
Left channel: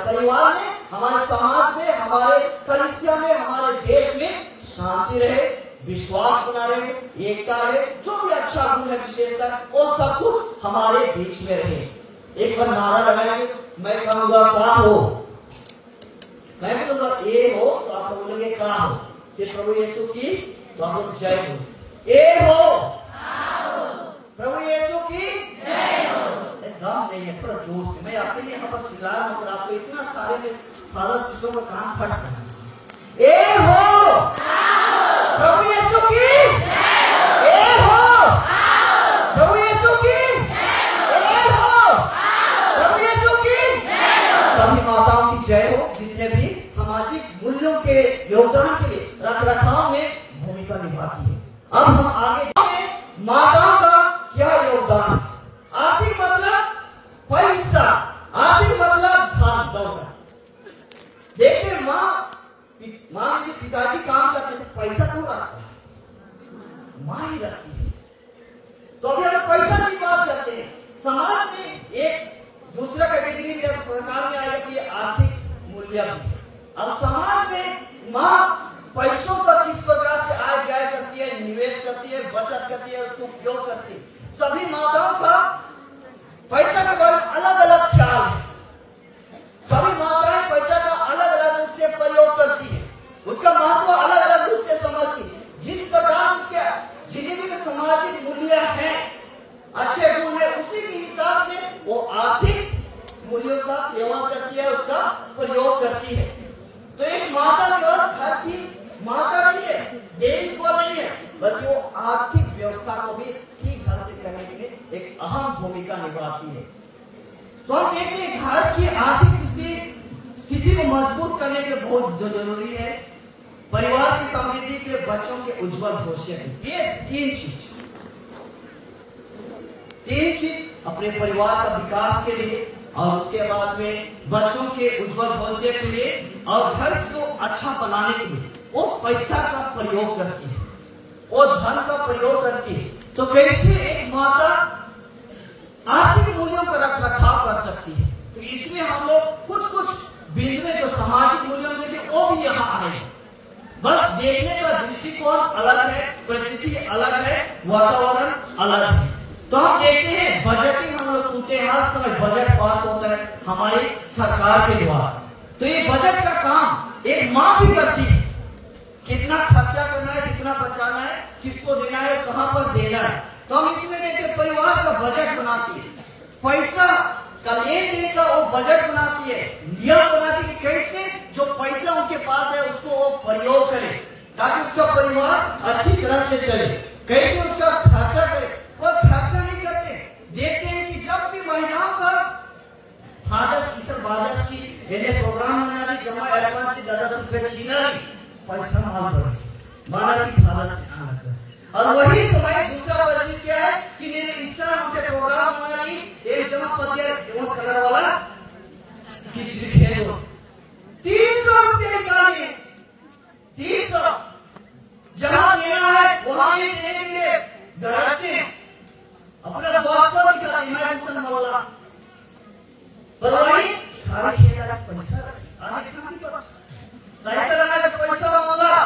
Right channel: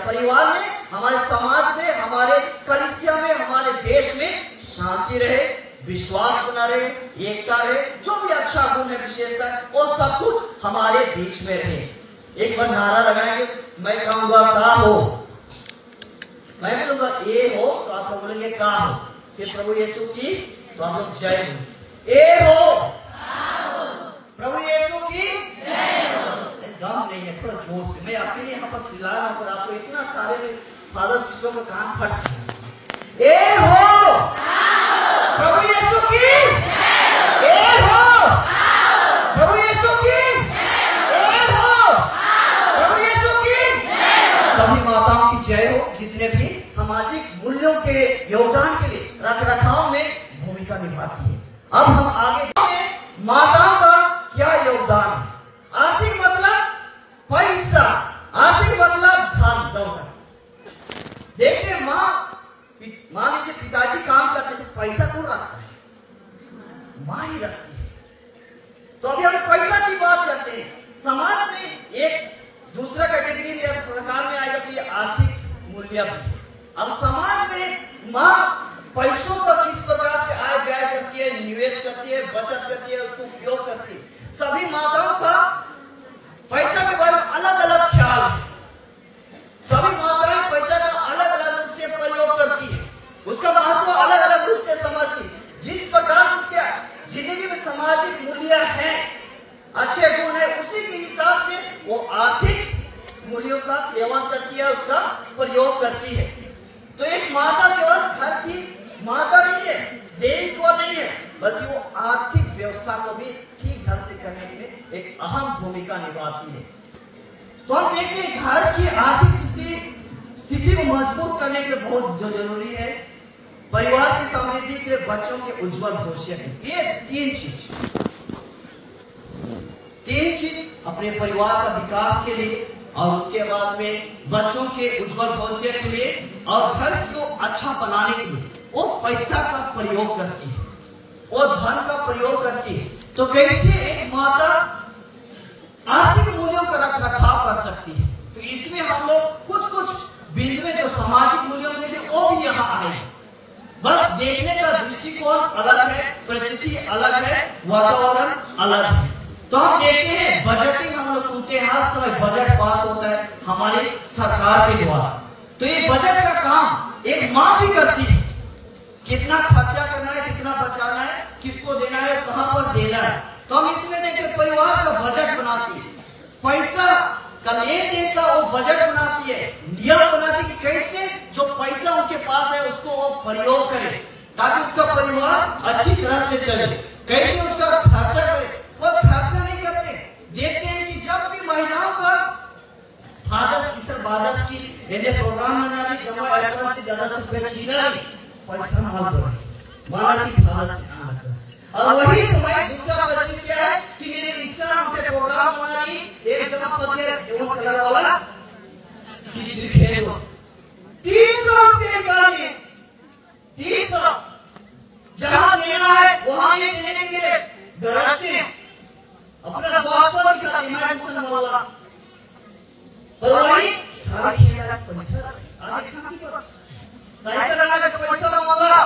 परिवार में, हमारे समाज में, हमारे कलिसिया में, हमारे देश में शांति रहे, विश्वास बना रहे, एकता रहे, जो भी अच्छा गुण है विशेषता वो सब कुछ हमारे बीच में रहे। एक बार नारा लगाएंगे, मैं कहूंगा का हो, मैं बोलूंगा ए हो तो आप लोग बोलेंगे का हो, फिर प्रभु यीशु की तो आप लोग जय हो। ए हो, प्रभु यीशु की जय हो। दम नहीं है, थोड़ा जोर से। मैं आपके लिए यहाँ पर चिल्ला रहा हूँ और आपको इतना सारे में फादर सिस्टम का कान फट। ए हो, प्रभु यीशु की जय हो। ए हो, प्रभु यीशु की जय हो। प्रभु यीशु की जय हो। सभी माताओं की जय हो, जितने भी सामाजिक मूल्यों के योगदान के लिए रख रखाव में भूमिका निभाती है। अब हम आगे माताओं का क्या योगदान है। आर्थिक मतलब पैसा, आर्थिक मतलब धन दौलत। देखिए मान लीजिए पिताजी काम करते तो पैसा कौन रखता है, माँ ही रखती है। तो अभी हम पैसा की बात करते हैं। समाज में एक दूसरा कैटेगरी या प्रकार में आएगा कि ये आर्थिक मूल्य भी है। अब समाज में माँ पैसों का किस प्रकार से आय व्यय करती है, निवेश करती है, बचत करती है, उसको उपयोग करती है। सभी माताओं का पैसा के बारे में अलग अलग ख्याल है। सभी माताएं पैसा का अलग अलग रूप से प्रयोग करती है, उसका महत्व अलग अलग रूप से समझती है। जिस प्रकार से उसके जिंदगी में सामाजिक मूल्य है, अच्छे गुण है, उसी के हिसाब से वो आर्थिक मूल्यों का सेवन करती है, उसका प्रयोग करती है। तो एक माता केवल घर की माता नहीं है, देखभाल नहीं है, बल्कि वो आर्थिक व्यवस्था को भी ठीक ढंग से करने के लिए एक अहम भूमिका निभाती है। तो हम देखते हैं घर की आर्थिक स्थिति को मजबूत करने के लिए बहुत जरूरी है। परिवार की समृद्धि के लिए बच्चों के उज्जवल भविष्य के लिए ये तीन चीज अपने परिवार का विकास के लिए और उसके बाद में बच्चों के उज्जवल भविष्य के लिए और घर को अच्छा बनाने के लिए वो पैसा का प्रयोग करती है, वो धन का प्रयोग करती है। तो कैसे एक माता आर्थिक मूल्यों का रख रखाव कर सकती है। तो इसमें हम लोग कुछ बिंदु में जो सामाजिक मूल्यों में देखें वो भी यहाँ आएगा। बस देखने का दृष्टिकोण अलग है, परिस्थिति अलग है, वातावरण अलग है। तो हम देखते हैं बजटिंग, हम लोग सुनते हैं हर समय बजट पास होता है हमारी सरकार के द्वारा। तो ये बजट का काम एक माँ भी करती है, कितना खर्चा करना है, कितना बचाना है, किसको देना है, कहां पर देना है। तो हम इसमें देखते हैं परिवार का बजट बनाती है, पैसा का लेन देन का वो बजट बनाती है, नियम बनाती है कि कैसे जो पैसा उनके पास है उसको वो प्रयोग करे ताकि उसका परिवार अच्छी तरह से चले, कैसे उसका खर्चा करे। वो खर्चा नहीं करते। देखते हैं कि जब भी महिलाओं का फादर्स ईसर बादर्स की यदि प्रोग्राम बनाने जमा पैसा माना की और वही समय दूसरा प्रश्न क्या है कि मेरे ईसा उनके प्रोग्राम बनानी एक जमा पद वो करने वाला किसी खेलो 300 रुपये निकालिए, 300 जहां देना है वहां देने के लिए गरजते हैं अपने स्वार्थ को निकालने इमेजिनेशन वाला तो वही सारी खेल पैसा आगे शांति को सही करना का पैसा मांगा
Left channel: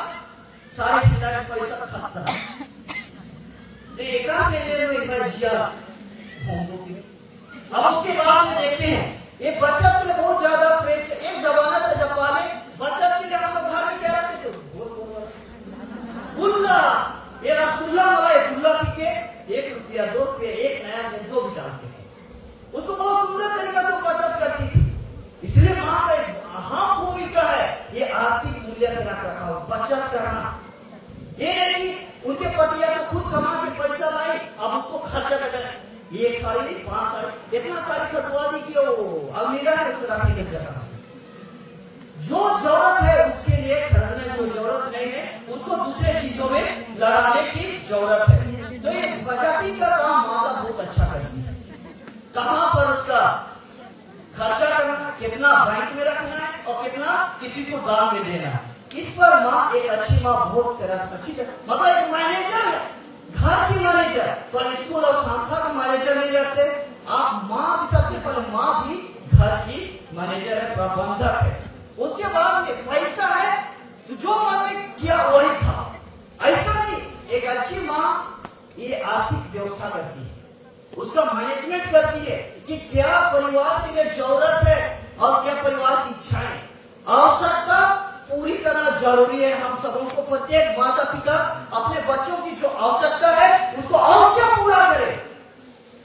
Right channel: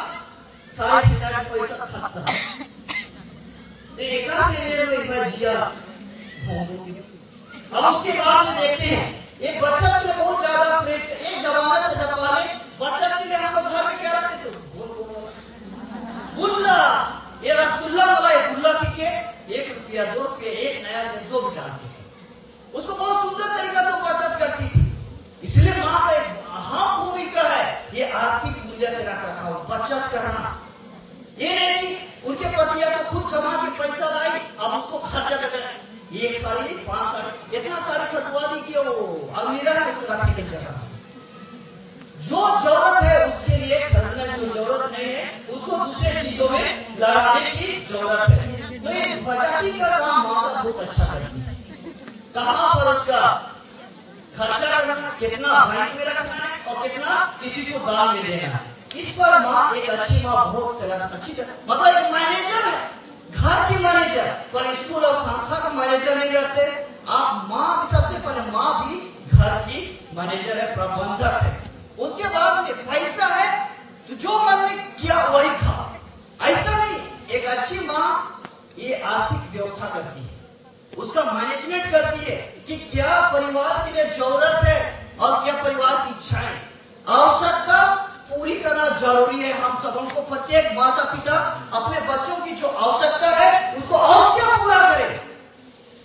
सारी खेल पैसा खाता एक से ले लो एक बार जिया। अब उसके बाद में देखते हैं एक बच्चा के लिए बहुत ज्यादा प्रेम। एक जमाना था जब वाले बच्चा के लिए हम घर में क्या रखते थे गुल्ला, ये रसगुल्ला वाला है, गुल्ला की के 1 रुपया 2 रुपये 1 नया भी जानते थे। उसको बहुत सुंदर तरीके से बचत करती थी। इसलिए माँ का एक अहम भूमिका है ये आर्थिक मूल्य के रख रखाव, बचत करना। ये नहीं कि उनके पतिया तो खुद कमा के पैसा लाई, अब उसको खर्चा कर, ये साड़ी 5 साड़ी इतना साड़ी खटवा दी कि वो अलमीरा है उसको रखने की जगह। जो जरूरत है उसके लिए खरीदना, जो जरूरत नहीं है उसको दूसरे चीजों में लगाने की जरूरत है। तो ये बचत का काम माँ बहुत अच्छा करती है। कहाँ पर उसका खर्चा करना, कितना बैंक में रखना है और कितना किसी को दान में देना है, इस पर माँ एक अच्छी माँ बहुत तरह से अच्छी मतलब एक मैनेजर है, घर की मैनेजर, पर स्कूल और संस्था का मैनेजर नहीं रहते आप। माँ सबसे पहले माँ भी घर की मैनेजर है, प्रबंधक है। उसके बाद में पैसा है तो जो मन में किया वही था, ऐसा नहीं। एक अच्छी माँ ये आर्थिक व्यवस्था करती है, उसका मैनेजमेंट करती है कि क्या परिवार के लिए जरूरत है और क्या परिवार की इच्छाएं, आवश्यकता पूरी करना जरूरी है। हम सबों को, प्रत्येक माता पिता अपने बच्चों की जो आवश्यकता है उसको अवश्य पूरा करे।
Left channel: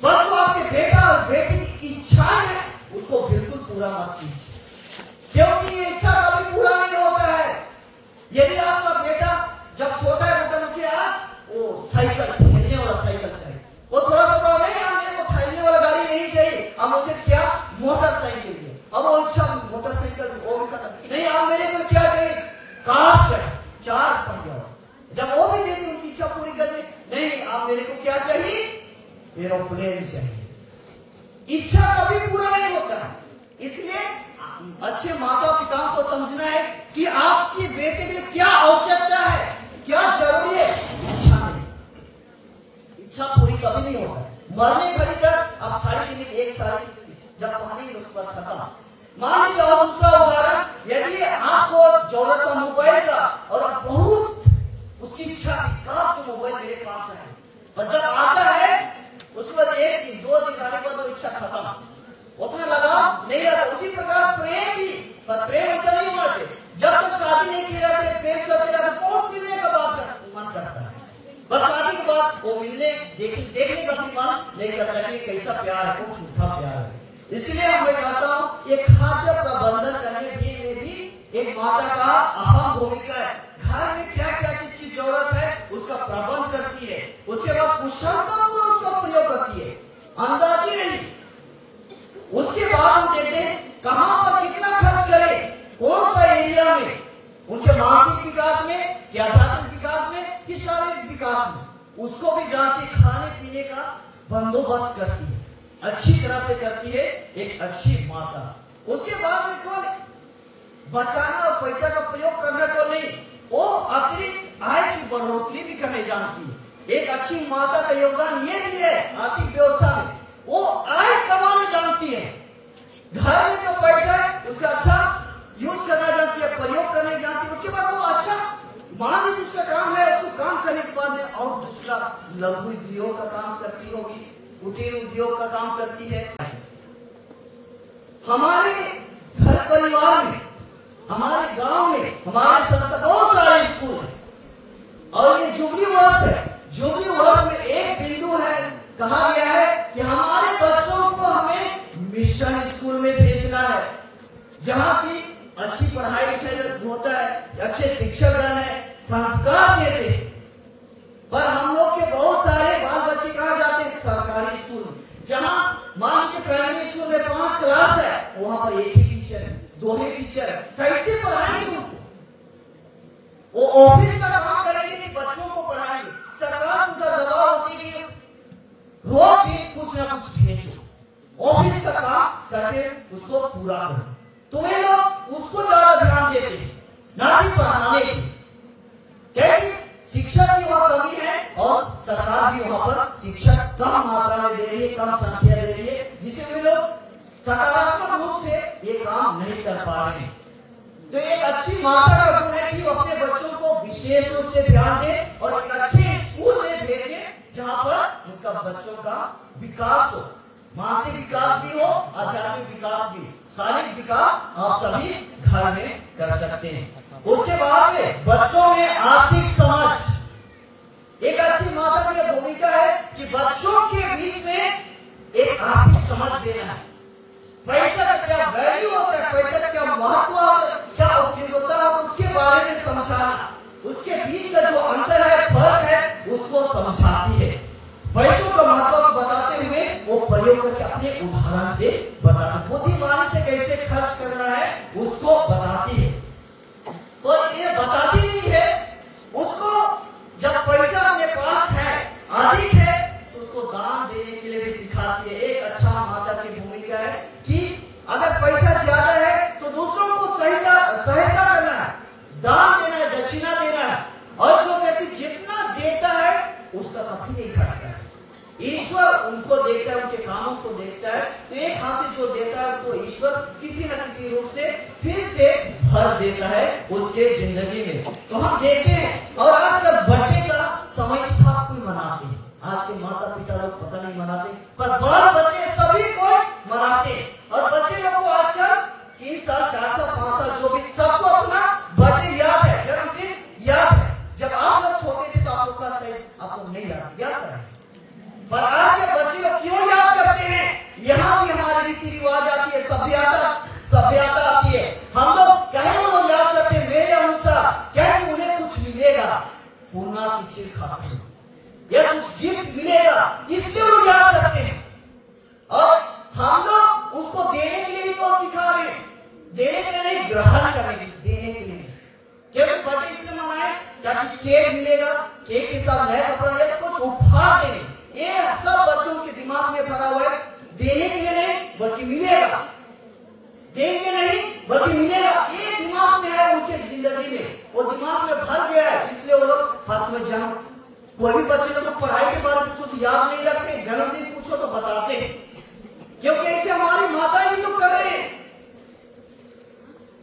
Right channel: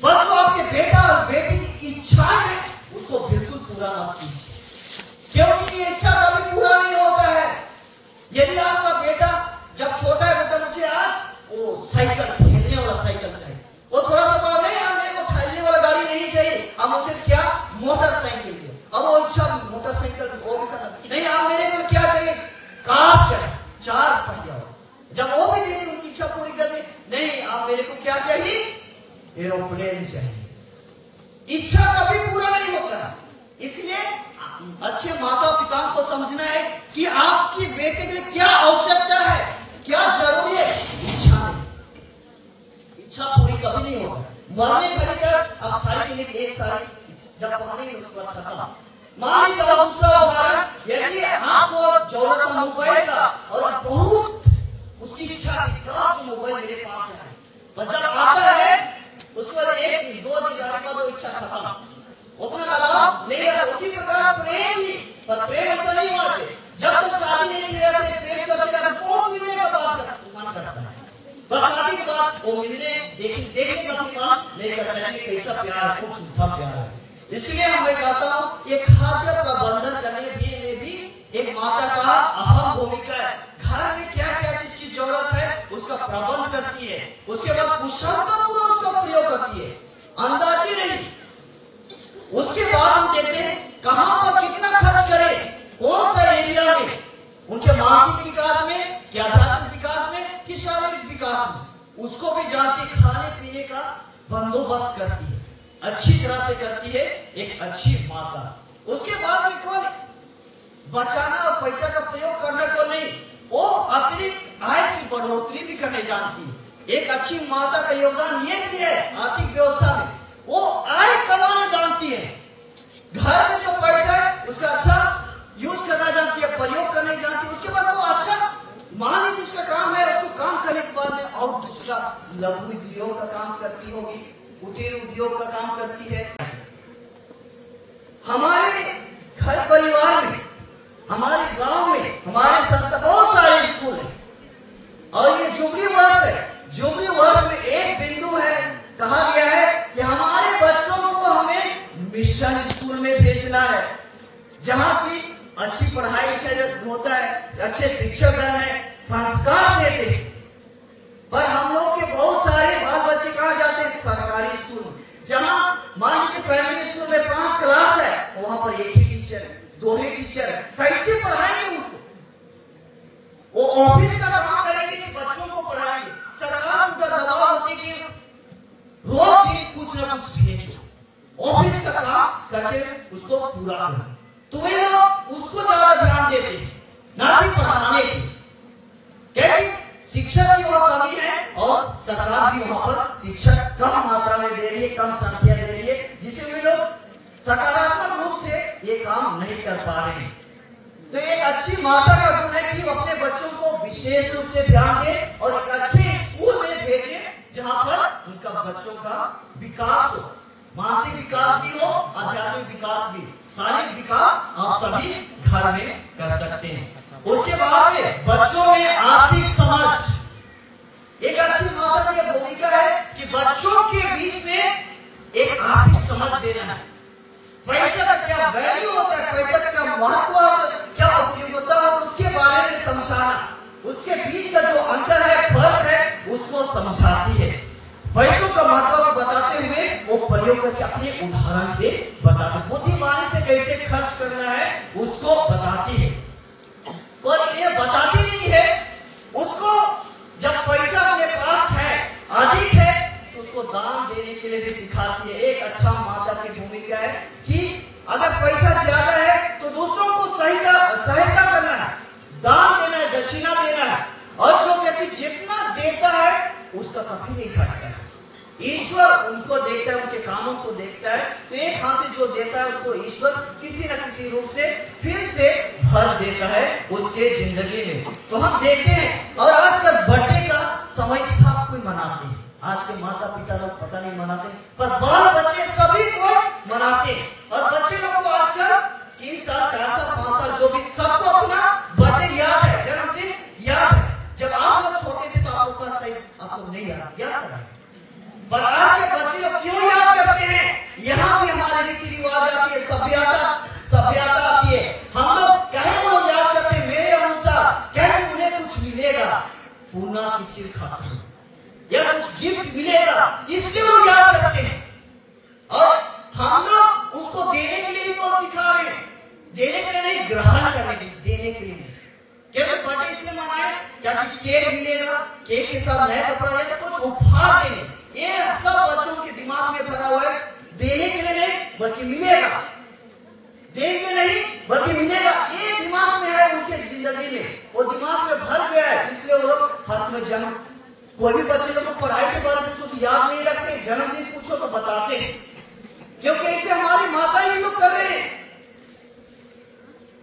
बच्चों आपके बेटा और बेटी की इच्छाएं है उसको बिल्कुल पूरा मत कीजिए, क्योंकि ये इच्छा कभी पूरा नहीं होता है। यदि आपका बेटा जब छोटा है, बेटा मुझे आज वो साइकिल, खेलने वाला साइकिल चाहिए, वो थोड़ा सा बड़ा नहीं, आप मेरे को ठहरने वाला गाड़ी नहीं चाहिए, अब मुझे क्या मोटरसाइकिल दो। अब वो इच्छा मोटरसाइकिल वो भी खत्म नहीं, आप मेरे को क्या चाहिए, कार चाहिए 4 पहिया। जब वो भी दे दी उनकी इच्छा पूरी करने, नहीं आप मेरे को क्या चाहिए, एरोप्लेन चाहिए। इच्छा कभी पूरा नहीं होता है। इसलिए अच्छे माता पिता को समझना है कि आपकी बेटे के लिए क्या आवश्यकता है, क्या जरूरी है। इच्छा नहीं, इच्छा पूरी कभी नहीं होगा। मरने घड़ी तक आप सारी के लिए एक सारी जब पहनेंगे उसके बाद खत्म। मान लीजिए दूसरा उदाहरण, यदि आपको जरूरत है मोबाइल का और बहुत उसकी इच्छा है मोबाइल मेरे पास है, तो जब आता है उसके बाद 1 दिन 2 दिन आने के बाद वो इच्छा खत्म, उतना लगाव नहीं रहता। उसी प्रकार प्रेम भी, पर प्रेम ऐसा नहीं होना चाहिए जब तक शादी नहीं की रहती है, प्रेम चलते रहता है, बहुत मिलने का मन करता है, बस शादी के बाद वो मिलने देखने का मन नहीं करता है, कैसा प्यार है, वो झूठा प्यार है। इसलिए मैं कहता हूँ ये खाद्य प्रबंधन करने में भी एक माता का अहम भूमिका है। घर में क्या क्या चीज की जरूरत है उसका प्रबंध करती है, उसके बाद कुशलता पूरा उसका प्रयोग करती है, अंदाजी नहीं। उसके बाद हम देखते हैं कहां पर कितना खर्च करें, कौन सा एरिया में, उनके मानसिक विकास में, कि आध्यात्मिक विकास में, कि शारीरिक विकास में, उसको भी जानती, खाने पीने का बंदोबस्त करती है, अच्छी तरह से करती है एक अच्छी माता। उसके बाद में कौन बचाना और पैसा का प्रयोग करना को नहीं, वो अतिरिक्त आय की बढ़ोतरी भी करने जानती है। एक अच्छी माता का योगदान ये भी है आर्थिक व्यवस्था में, वो आय कमाना जानती है। घर में जो पैसा है उसका अच्छा यूज करना जानती है, प्रयोग करने जानती है। उसके बाद वो अच्छा, मान लीजिए उसका काम है, उसको काम करने के बाद में और दूसरा लघु उद्योग का काम करती होगी, कुटीर उद्योग का काम करती है। हमारे घर परिवार में, हमारे गांव में, हमारे संस्था बहुत सारे स्कूल हैं और ये जुबली वर्ष है। जुबली वर्ष में एक बिंदु है, कहा गया है कि हमारे बच्चों को हमें मिशन स्कूल में भेजना है, जहां की अच्छी पढ़ाई लिखाई होता है, अच्छे शिक्षकगण है, संस्कार देते हैं। पर हम लोग के बहुत सारे बाल बच्चे कहाँ जाते हैं, सरकारी स्कूल में, जहां मान लीजिए प्राइमरी स्कूल में 5 क्लास है, वहां पर 1 ही टीचर है, 2 ही टीचर है, कैसे पढ़ाएंगे उनको? वो ऑफिस का काम करेंगे कि बच्चों को पढ़ाएंगे? सरकार उनका दबाव होती है कि रोज ही कुछ ना कुछ भेजो, ऑफिस का काम करके उसको पूरा करो, तो वे लोग उसको ज्यादा ध्यान देते हैं ना कि पढ़ाने की। क्योंकि शिक्षक की वहां कमी है और सरकार भी वहां पर शिक्षक कम मात्रा में दे रही है, कम संख्या दे रही है, जिसे वे लोग सकारात्मक रूप से ये काम नहीं कर पा रहे हैं। तो एक अच्छी माता का गुण है कि वो अपने बच्चों को विशेष रूप से ध्यान दे और एक अच्छे स्कूल में भेजे जहां पर उनका बच्चों का विकास हो, मानसिक विकास भी हो, आध्यात्मिक विकास भी, शारीरिक विकास आप सभी घर में कर सकते हैं। उसके बाद में बच्चों में आर्थिक समझ, एक अच्छी माता की भूमिका है कि बच्चों के बीच में एक आर्थिक समझ देना है। पैसा का क्या वैल्यू होता है, पैसा का क्या महत्व होता है, क्या उपयोगिता होता है, उसके बारे में समझाना, उसके बीच का जो अंतर है, फर्क है, उसको समझाती है। पैसों का महत्व को बताते हुए वो प्रयोग करके अपने उदाहरण से बताते, बुद्धिमानी से कैसे खर्च करना है उसको बताती है। तो ये बताती नहीं है, उसको जब पैसा अपने पास है, अधिक है, तो उसको दान देने के लिए भी सिखाती है। एक अच्छा माता की भूमिका है कि अगर पैसा ज्यादा है तो दूसरों को सहायता करना है, दान देना है, दक्षिणा देना है। और जो व्यक्ति जितना देता है उसका कभी नहीं घटता है। ईश्वर उनको देखता है, उनके कामों को देखता है। तो एक हाथ से जो देता है उसको ईश्वर किसी न किसी रूप से फिर से भर देता है उसके जिंदगी में। तो हम देखते हैं, और आजकल बर्थडे का समय सब कोई मनाते हैं। आज के माता पिता लोग पता नहीं मनाते, पर बाल बच्चे सभी को मनाते हैं। और बच्चे लोग को आजकल 3 साल 4 साल 5 साल जो भी, सबको अपना बर्थडे याद है, जन्मदिन याद है। जब आप लोग छोटे थे तो आपको सही आपको नहीं याद है, पर आज के बच्चे लोग क्यों याद करते हैं? यहाँ भी हमारे रीति रिवाज आती है, सभ्यता आती है। हम लोग कहने को याद करते हैं मेरे अनुसार, कहते उन्हें कुछ मिलेगा, पूना की चीज खाते हैं या कुछ गिफ्ट मिलेगा, इसलिए वो याद करते हैं। और हम लोग उसको देने के लिए भी तो सिखा रहे हैं, देने के लिए नहीं, ग्रहण करने के लिए, देने के लिए। केवल बर्थडे इसलिए मनाए ताकि केक मिलेगा, केक के साथ नया कपड़ा या कुछ उपहार देने, ये सब बच्चों के दिमाग में भरा हुआ है। देने के लिए नहीं बल्कि मिलेगा, देंगे नहीं बल्कि मिलेगा, ये दिमाग में है उनके जिंदगी में, वो दिमाग में भर गया है। इसलिए वो लोग हर समय जन्म, कोई भी बच्चे लोग को पढ़ाई के बारे में पूछो तो याद नहीं रखते, जन्मदिन पूछो तो बताते हैं, क्योंकि इसे हमारी माता ही लोग कर रहे हैं।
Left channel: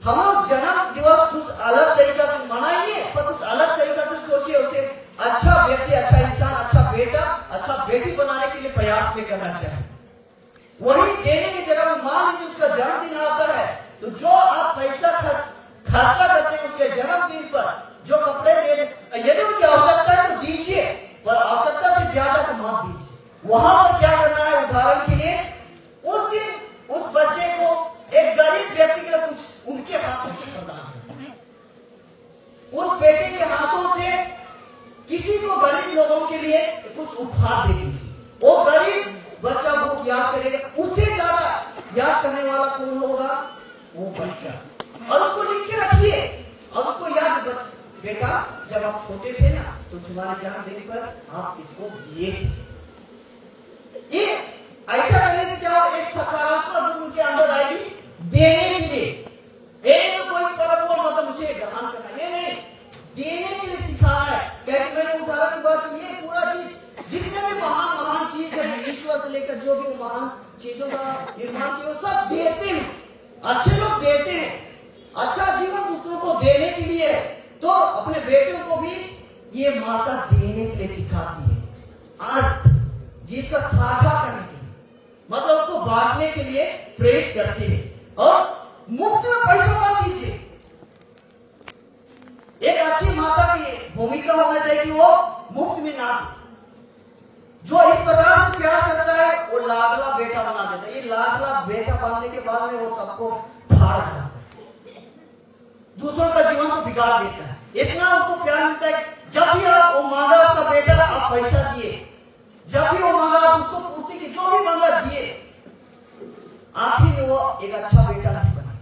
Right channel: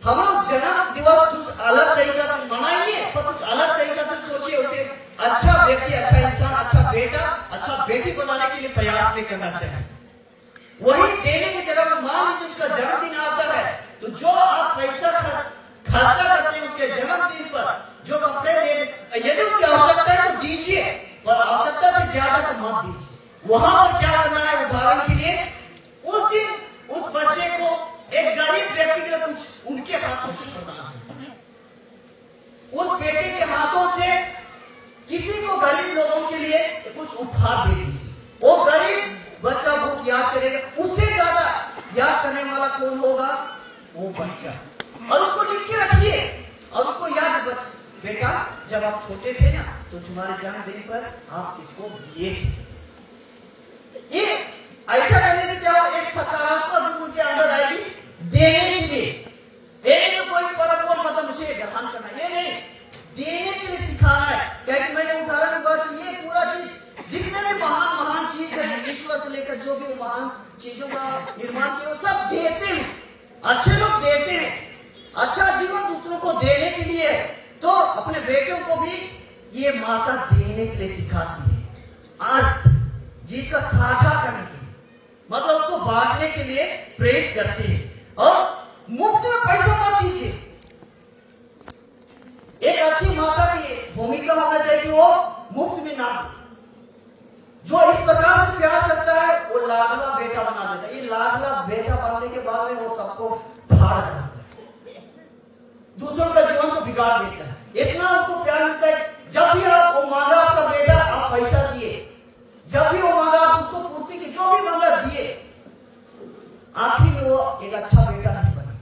हम लोग जन्म दिवस कुछ अलग तरीका से मनाइए, पर कुछ अलग तरीका से सोचिए, उसे अच्छा व्यक्ति, अच्छा इंसान, अच्छा बेटा, अच्छा बेटी बनाने के लिए प्रयास भी करना चाहिए। वही देने की जगह मान लीजिए उसका जन्मदिन आता है, तो जो आप पैसा खर्चा करते हैं उसके जन्मदिन पर, जो कपड़े दे, यदि उसकी आवश्यकता है तो दीजिए, पर आवश्यकता से ज्यादा तो मत दीजिए। वहां पर क्या करना है, उदाहरण के लिए उस दिन उस बच्चे को, एक गरीब व्यक्ति के लिए कुछ उनके हाथों से करना है, उस बेटे के हाथों से किसी को, गरीब लोगों के लिए कुछ उपहार दे दीजिए। वो गरीब बच्चा बहुत याद करेगा, उससे ज्यादा याद करने वाला कौन होगा? वो बच्चा। और उसको लिख के रखिए, और उसको याद, बेटा जब आप छोटे थे ना तो तुम्हारे जन्मदिन पर आप इसको दिए थे। ये ऐसा करने से क्या हो, एक सकारात्मक गुण उनके अंदर आएगी देने के लिए। देने में कोई परम और मतलब उसे ग्रहण करना, ये नहीं, देने के लिए सिखाना है। क्योंकि मैंने उदाहरण दिया कि ये पूरा चीज, जितने भी महान चीज है, ईश्वर से लेकर जो भी महान चीजों का निर्माण किया, वो सब देते हैं, अच्छे लोग देते हैं। अच्छा जीवन दूसरों को देने के लिए, तो अपने बेटों को भी ये माता देने के लिए सिखाती है, अर्थ जिसका साझा करने के लिए, मतलब उसको बांटने के लिए प्रेरित करती है। और मुफ्त में पैसा मत दीजिए। एक अच्छी माता की भूमिका होना चाहिए, वो मुफ्त में ना, जो इस प्रकार से प्यार करता है वो लाडला बेटा बना देता है। ये लाडला बेटा बनने के बाद में वो सबको फाड़ देता है, दूसरों का जीवन को बिगाड़ देता है। इतना उनको प्यार मिलता है, जब भी आप वो मांगा आपका बेटा, आप पैसा दिए, जब भी वो मांगा आप उसको पूर्ति की, जो भी मांगा दिए, आखिर में वो एक अच्छा बेटा नहीं बना।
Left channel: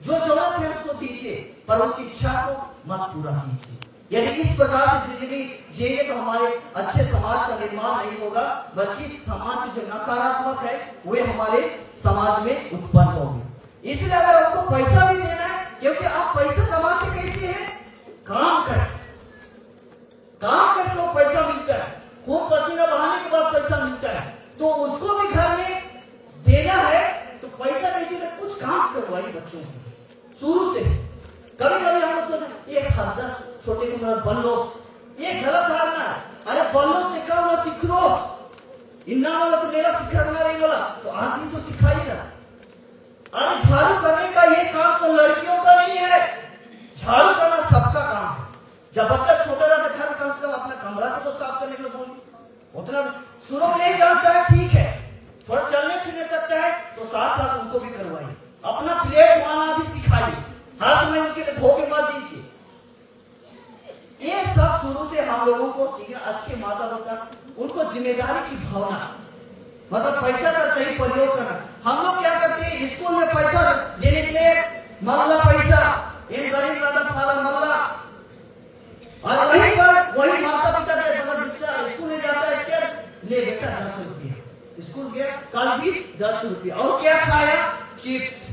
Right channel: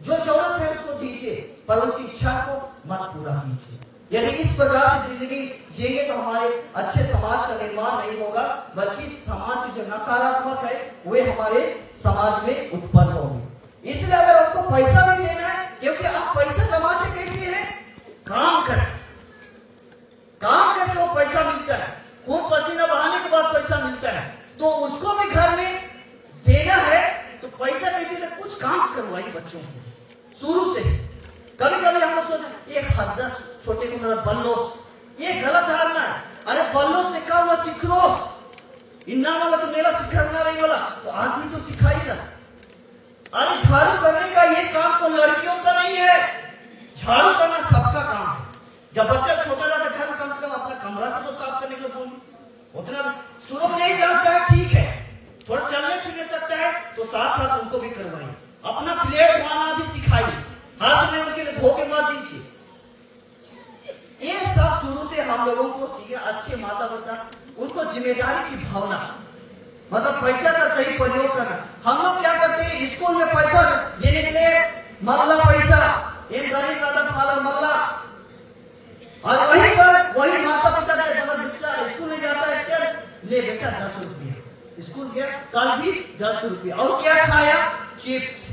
जो जरूरत है उसको दीजिए, पर उसकी इच्छा को मत पूरा कीजिए। यदि इस प्रकार से जिंदगी जिएंगे तो हमारे अच्छे समाज का निर्माण नहीं होगा, बल्कि समाज की जो नकारात्मक है वे हमारे समाज में उत्पन्न होगी। इसलिए अगर आपको पैसा भी देना है, क्योंकि आप पैसा कमाते कैसे हैं? काम करके वो पैसा मिलता है, खून पसीना बहाने के बाद पैसा मिलता है, तो उसको भी घर में देना है। तो पैसा कैसे दे? कुछ काम करवाइए बच्चों को शुरू से। कभी कभी हम लोग सोचते ये हद्दा छोटे को मतलब बल्लोस, ये गलत धारणा है। अरे बल्लोस लिखा हुआ सिखरोस, इन्ना वाला तो मेरा सिखरना नहीं वाला, तो आज भी तो सिखाई ना। अरे झाड़ू करने का ये काम तो लड़कियों का नहीं है, झाड़ू करना सबका काम है। जब बच्चा छोटा रहता है, घर कम से कम अपना कमरा को तो साफ करने के लिए, उतना शुरू में नहीं जानता है, ठीक है, थोड़ा चलने फिरने सकता है तो साथ साथ उनको भी करवाइए, अपना प्लेट उठाना भी सिखाइए, हाथ में उनके लिए भोगे मत दीजिए। ये सब शुरू से हम लोगों को सीखना, अच्छे माता पिता उनको जिम्मेदारी की भावना, मतलब पैसा का सही प्रयोग करना। हम लोग क्या करते हैं, स्कूल में पैसा देने के लिए मल्ला पैसा, एक गरीब रतन पाला मल्ला, और वहीं पर वही माता पिता के अगर बच्चा स्कूल में जाता है, क्या ले बेटा 10 रुपया, स्कूल गया कल भी 10 रुपया, और क्या खाया, चिप्स,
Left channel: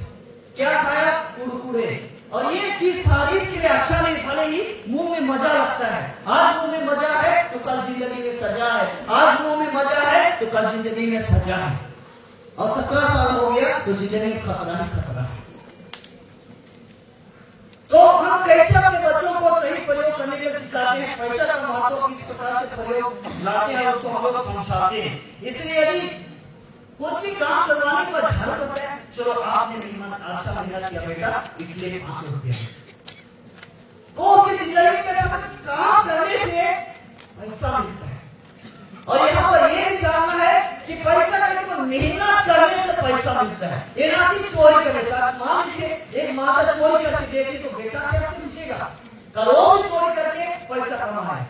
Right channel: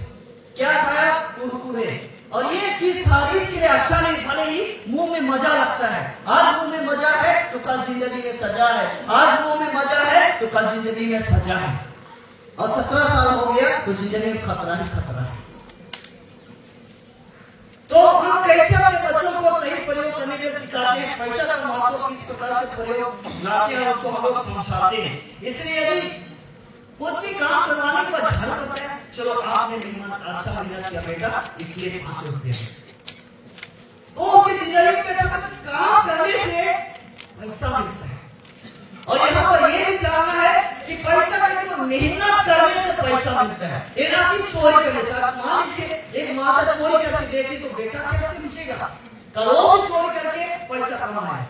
क्या खाया, कुरकुरे। और ये चीज शरीर के लिए अच्छा नहीं, भले ही मुंह में मजा लगता है, आज मुंह में मजा है तो कल जिंदगी में सजा है, आज मुंह में मजा है तो कल जिंदगी में सजा है, और 17 साल हो गया तो जिंदगी में खतरा ही खतरा है। तो हम कैसे अपने बच्चों को सही प्रयोग करने के लिए सिखाते हैं, पैसा का महत्व किस प्रकार से प्रयोग लाते हैं उसको हम लोग समझाते हैं। इसलिए यदि कुछ भी काम करवाने का झड़ करता है, चलो आपने अच्छा मेहनत किया बेटा इसलिए 500 रुपया, तो उसकी जिंदगी में काम करने से पैसा मिलता है। और यहाँ पर ये भी जानना है कि पैसा किसी को मेहनत करने से पैसा मिलता है, ये ना कि चोरी करने से। मान लीजिए एक माता चोरी करके देती तो बेटा कैसे पूछेगा, करोड़ चोरी करके पैसा कमाना है,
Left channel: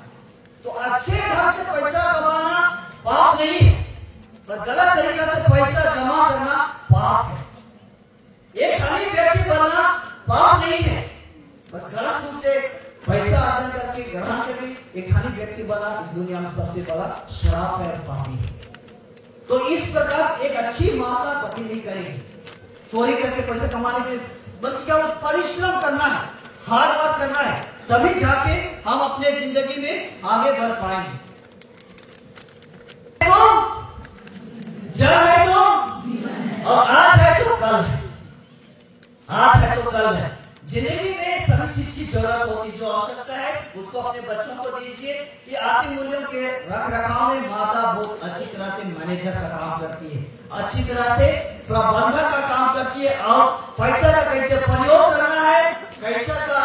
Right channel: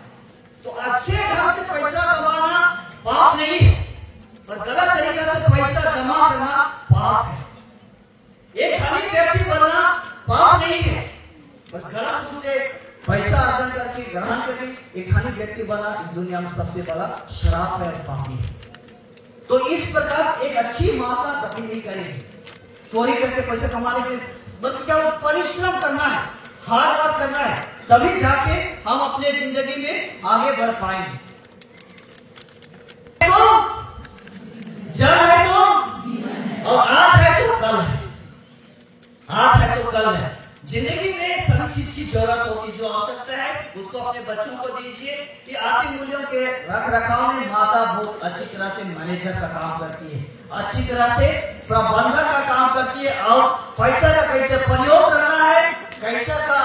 तो अच्छे ढंग से पैसा कमाना पाप नहीं है, तो गलत तरीके से पैसा जमा करना पाप है। एक धनी व्यक्ति बनना पाप नहीं है, बस गलत रूप से पैसा अर्जन करके ग्रहण करके एक धनी व्यक्ति बना इस दुनिया में सबसे बड़ा श्राप है और पापी है। तो इस प्रकार एक अच्छी माता कभी नहीं करेगी चोरी करके पैसा कमाने के लिए, बल्कि क्या परिश्रम करना है, हार्ड वर्क करना है, तभी जाके हम अपने जिंदगी में आगे बढ़ पाएंगे। तो जड़ है तो, और आज है तो कल है, आज है तो कल है। जिंदगी में सभी चीज की जरूरत होगी, जो आवश्यकता है उसको अपने बच्चों को दीजिए कि आर्थिक मूल्यों के रख रखाव में माता बहुत अच्छी तरह से मैनेजर का काम करती है, अच्छी तरह से प्रबंधक का काम करती है, और पैसा का कैसे प्रयोग करना है, कैसा का